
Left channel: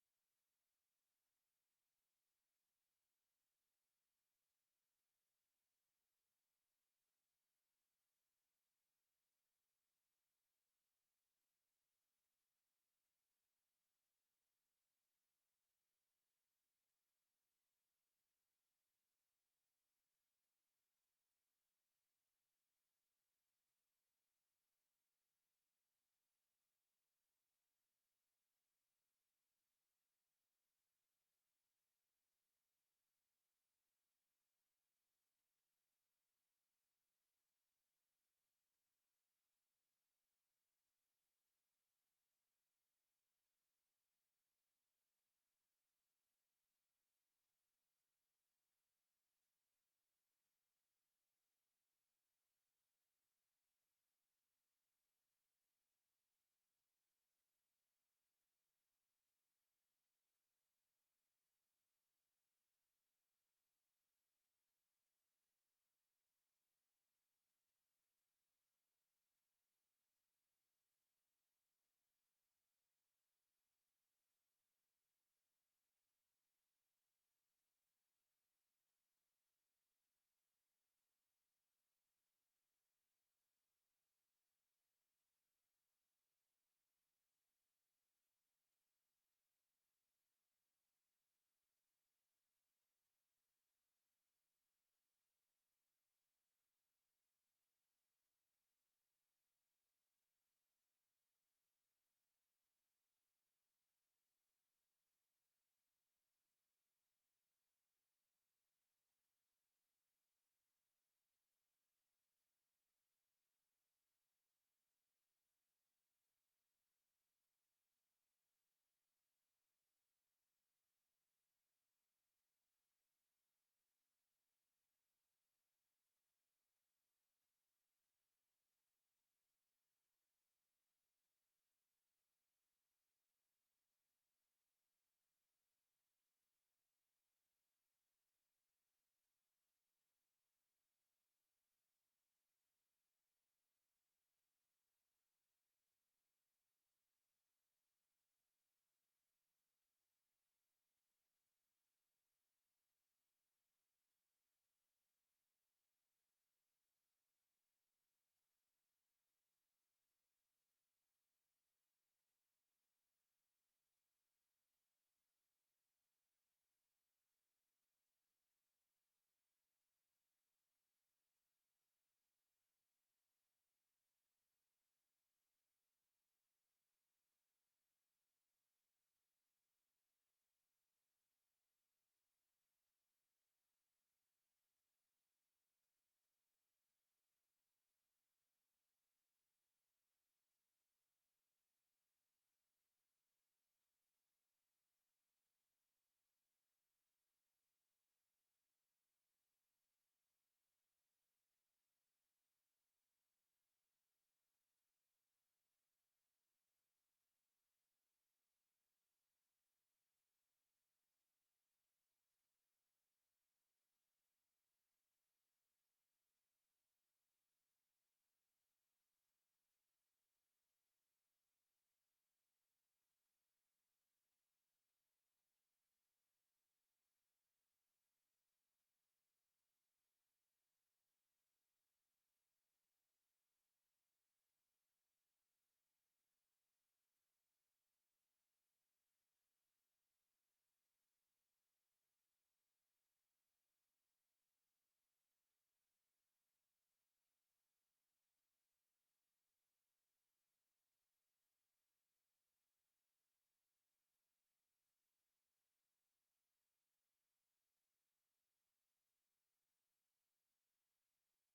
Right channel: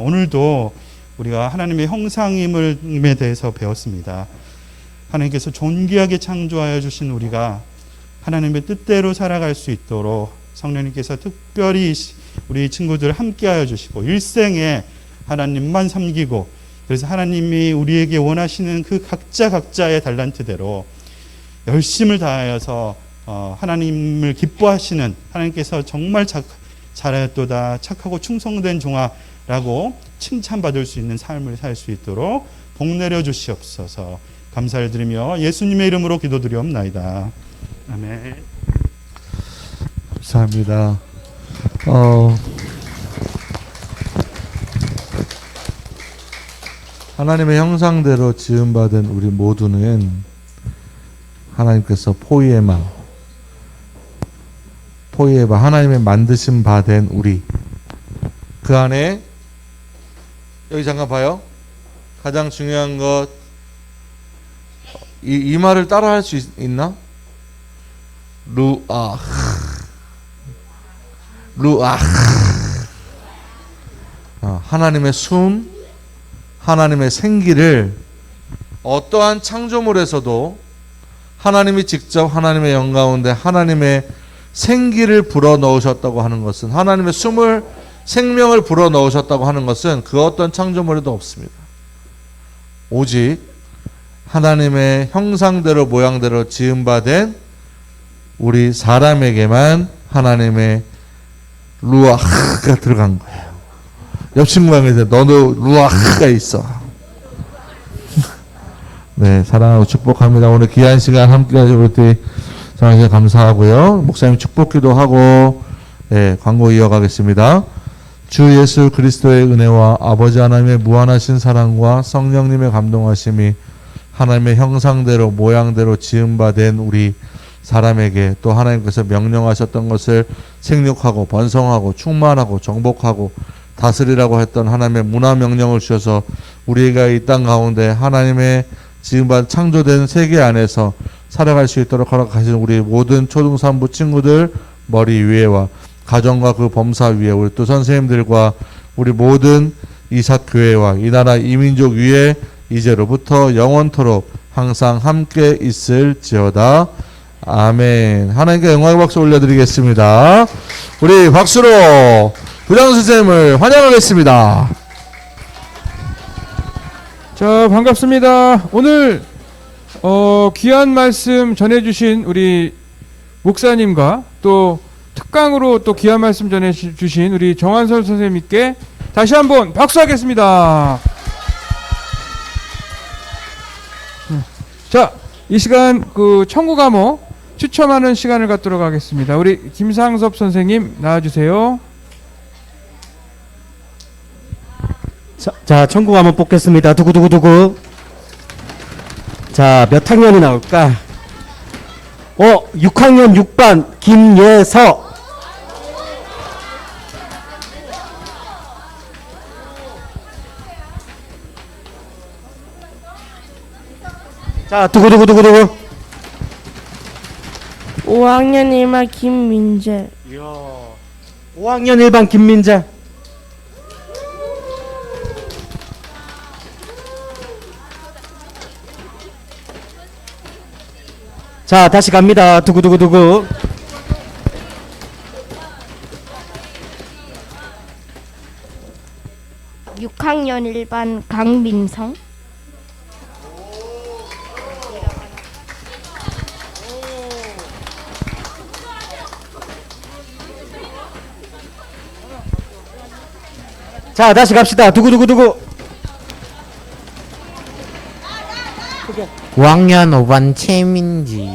오늘도 우리가 하나님의 형상임에 대해서 배웠습니다. 하나님께서 존귀하게 창조하여 주신 우리가 하나님의 뜻대로 살아갈 수 있도록 성령님께서 특별히 우리 친구들 함께하여 주시고 일생에 하나님만 섬기고, 그래서 하나님이 우리에게 원하시는 그 각자의 달란트대로 열심을 다하여서 하나님을 기뻐하시는, 하나님께서 정말 잘하였도다 착하고 충성된 종아라고 칭찬받을 수 있는 삶을 살 수 있도록 복 내려 주시옵소서. 감사를 드리며 예수님의 이름으로 기도드리옵나이다. 아멘. 감사합니다. 하나님의 형상대로 지음받은 우리 모두는 하나님께서 포이에마 하나님의 만드신 바 된 우리, 그 안에 여기 잠깐 봐요. 가장 중요한 것, 이 말을 따라 할 수 있나? 하나님의 숨, 하나님의 생기를 어떠한 창조물에서도 하나님이 직접 하나님의 영 가운데 하나님의 생기를 불어넣으셨다고 하는 것은, 하나님의 숨을, 생명을 불어넣으셨다고 하는 것은 그 어떤 창조물에도 없습니다. 오직 하나님의 형상대로 모양대로 지음받은 우리 사람에게만 하나님의 루아흐가 들어간 거예요. 옆 친구한테 너도 루아흐가 있어. 네, 사랑하고 축복합니다. 오늘 귀한 시간 함께 하셔서 우리 사랑해 감사하고요. 목사님 축복기도 하고, 네, 광고 이어가겠습니다. 주 예수 그리스도의 은혜와 아버지 하나님의 무한하신 사랑과 성령님의 감동하심이 하나님의 형상대로 모양대로 지음받은 우리 사람에게, 또 하나님께서 명령하셨던 것을 생육하고 번성하고 충만하고 정복하고 다스리라고 했던 하나님의 문화 명령을 주셔서 우리가 이 땅 가운데 하나님의 지음받은 창조된 세계 안에서 살아갈 수 있도록 허락하신 우리 모든 초등산부 친구들 머리 위에와 가정과 그 범사 위에, 우리 또 선생님들과 우리 모든 이삭교회와 이 나라 이민족 위에 이제로부터 영원토록 항상 함께 있을지어다. 아멘. 하나님께 영광의 박수 올려드리겠습니다. 우리 박수로 부장 선생님을 환영하겠습니다. 자, 반갑습니다. 오늘 귀한 말씀 전해주신 우리 목사님과 또 특강으로 또 귀한 말씀 전해주신 우리 정한설 선생님께 다시 한번 박수하겠습니다. 자, 이 시간 그 청구과목 추첨하는 시간을 갖도록 하겠습니다. 우리 김상섭 선생님 나와주세요. 자, 청구과목 뽑겠습니다. 두구두구두구. 자, 몇 학년이 나올까? 6학년 6반 김예서. 자, 두구두구두구두구. 5학년 1반 김민재. 5학년 1반 김민재. 자, 다시 갑니다. 두구두구두구. 육 학년 1반 강민성. 자, 다시 갑시다. 두구두구두구. 5학년 5반 최민지.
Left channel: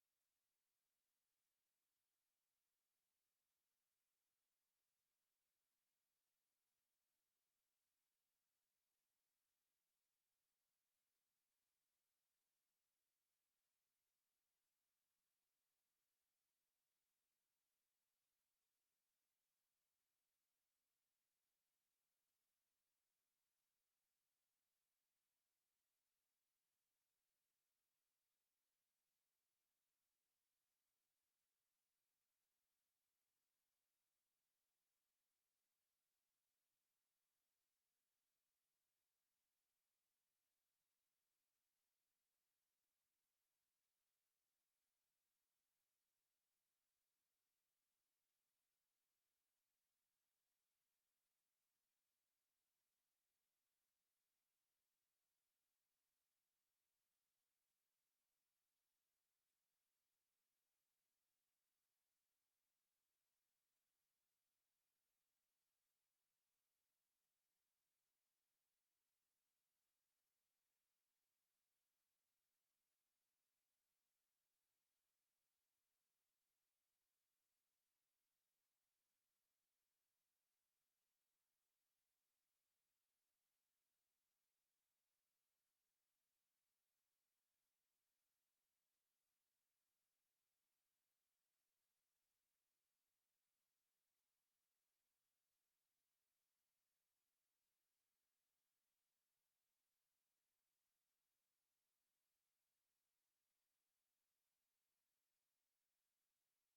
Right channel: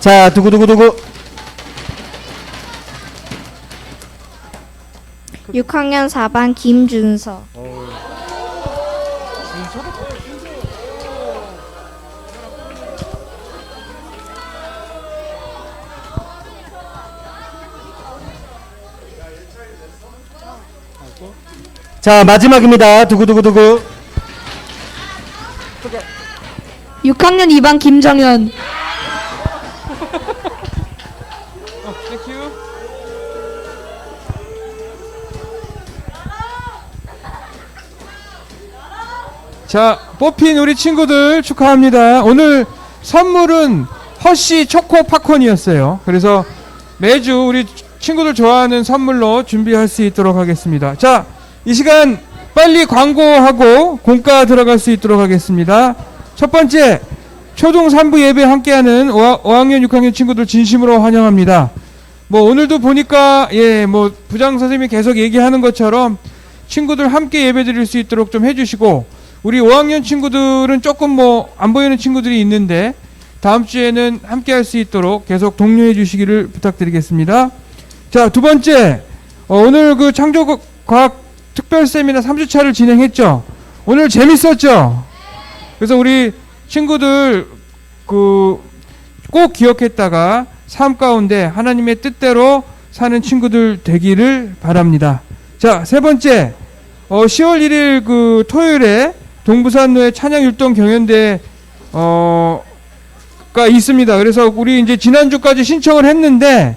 자, 두구두구두구. 6학년 4반 김준서. 자, 마지막입니다. 두구두구두구. 6학년 2반 김정현. 자, 뽑힌 우리 친구들 축하합니다. 오늘 선물은 허쉬 초코 팝콘이었어요. 그래서 매주 우리 친구들 좋아하는 선물로 준비할 수 있도록 하겠습니다. 자, 이 시간 빨리 광고하고 공과 들어갈 수 있도록 하겠습니다. 첫 번째, 초등 3부 예배 함께하는 5학년, 6학년 친구들 진심으로 환영합니다. 뭐 오늘도 보니까 뭐 부장 선생님이 계속 얘기하는 것처럼 친구들 함께 예배 드릴 수 있도록 좀 해주시고, 우리 5학년 친구들은 조금 뭐 안 보이는 친구들이 있는데 다음 주에는 함께 할 수 있도록 계속 독려해 주시기를 부탁드리겠습니다. 자, 두 번째, 오늘 그 창조과학 특별 세미나 3주차를 진행했죠. 오늘 재밌었죠? 그래서 우리 친구들 꼭 기억했다가 삶 가운데 하나님의 뜻대로 사는 친구들 되기를 바랍니다. 자, 세 번째, 10월 1일 그 토요일에 동부산로에 찬양율동 경연대 가 있습니다. 그래서 우리 이제 지난주까지 신청을 했는데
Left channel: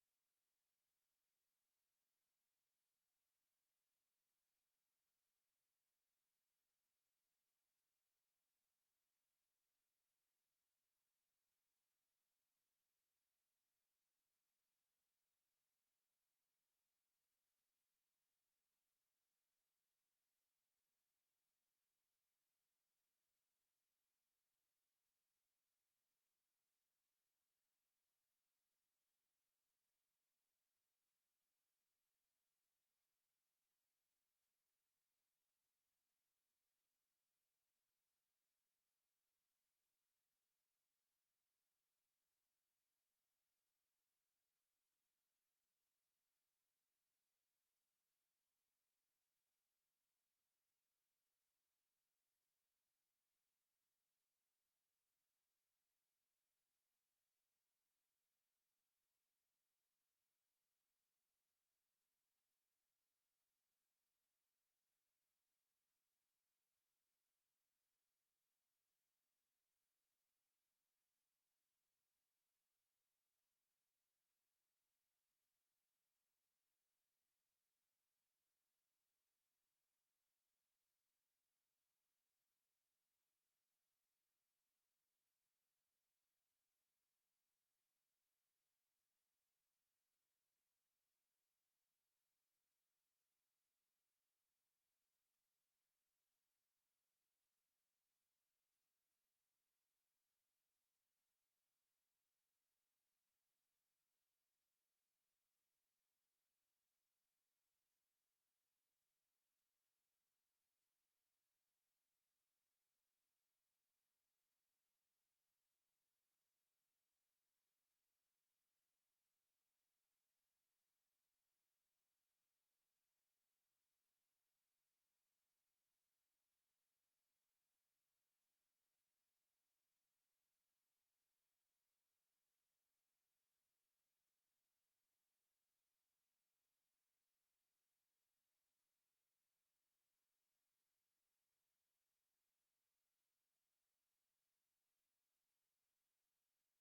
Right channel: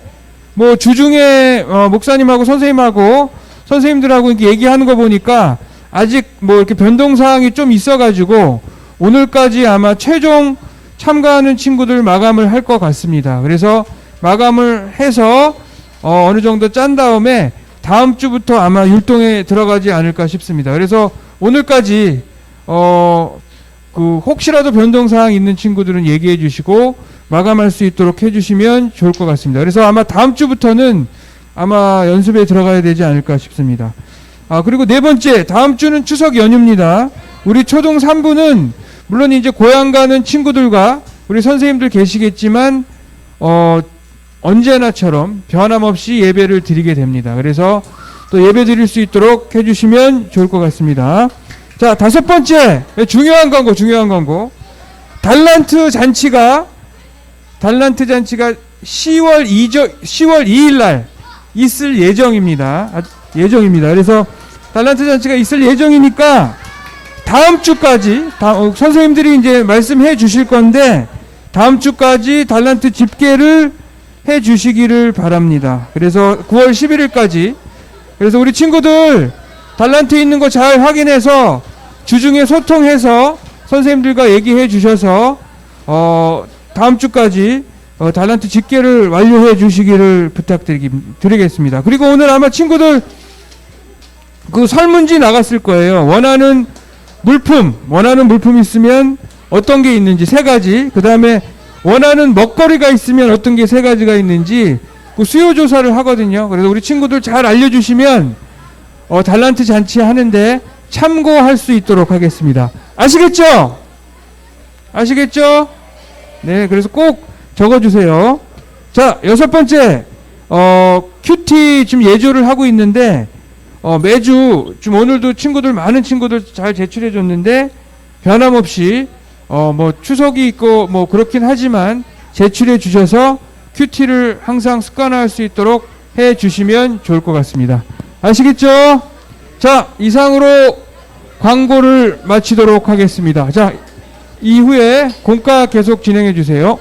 뭐 주중에 목사님하고 선생님들하고 이렇게 얘기하는 거 보니까 아직 뭐 이렇게 변동 사항이 좀 있어가지고 오늘까지 아마 최종 참가하는 친구들 마감을 할 것 같습니다. 그래서 마감을 해서 어느 정도 짠 다음에 다음 주부터 아마 율동에 들어가지 않을까 싶습니다. 그래서 오늘까지 혹시라도 변동사항 있는 친구들은 얘기해 주시고 마감할 수 있도록 해주시면 좋을 것 같습니다. 그래서 아마 다음 주부터는 아마 연습에 들어가야 되지 않을까 싶습니다. 그리고 네 번째, 다음 주는 추석 연휴입니다. 우리 초등 3부는 물론 이제 고향 가는 친구들과 우리 선생님들 계시겠지만 언제나처럼 변함없이 예배를 드리게 됩니다. 그래서 또 예배 드릴 수 있도록 해주시면 좋을 것 같습니다. 자, 다섯 번째, 중요한 광고. 달란트 잔치가 10월 2일 날 있을 예정입니다. 그래서 달란트 잔치가 있을 예정이니까 다음 주까지 선생님들이 이제 말씀해 주실 건데 다음 주까지 달란트 집계를 해 주시기를 바랍니다. 그래서 9월 11일까지, 그래서 우리 친구들 달란트 있는 거 잘 확인해서 주중에 소통해서 선생님들과 얘기해 주셔서 다음 주까지 달란트 집계를 완료해 주시기를 부탁드리겠습니다. 그리고 오늘 아마 친구들 그 설문지 나갔을 거예요. 원하는 물품 있으면 어떤 게 있는지 3가지, 그 다음에 원하는 먹거리가 있으면 어떤 게 3가지가 있는지 그 수요 조사를 하거든요. 그래서 우리 친구들 잘 알려주시면 달란트 잔치 하는데 참고할 수 있도록 하겠습니다. 아시겠죠? 네, 그래서 꼭 적어주세요. 자, 6번째, 큐티 지금 예조를 하고 있는데 매주 지금 오늘도 많은 친구들 잘 제출해 줬는데 변함없이 뭐 추석이 있고 뭐 그렇긴 하지만 제출해 주셔서 큐티를 항상 습관화할 수 있도록 해 주시면 좋을 것 같습니다. 아시겠죠? 자, 이상으로 광고를 마치도록 하겠습니다. 자, 이후에 공과 계속 진행해 주세요.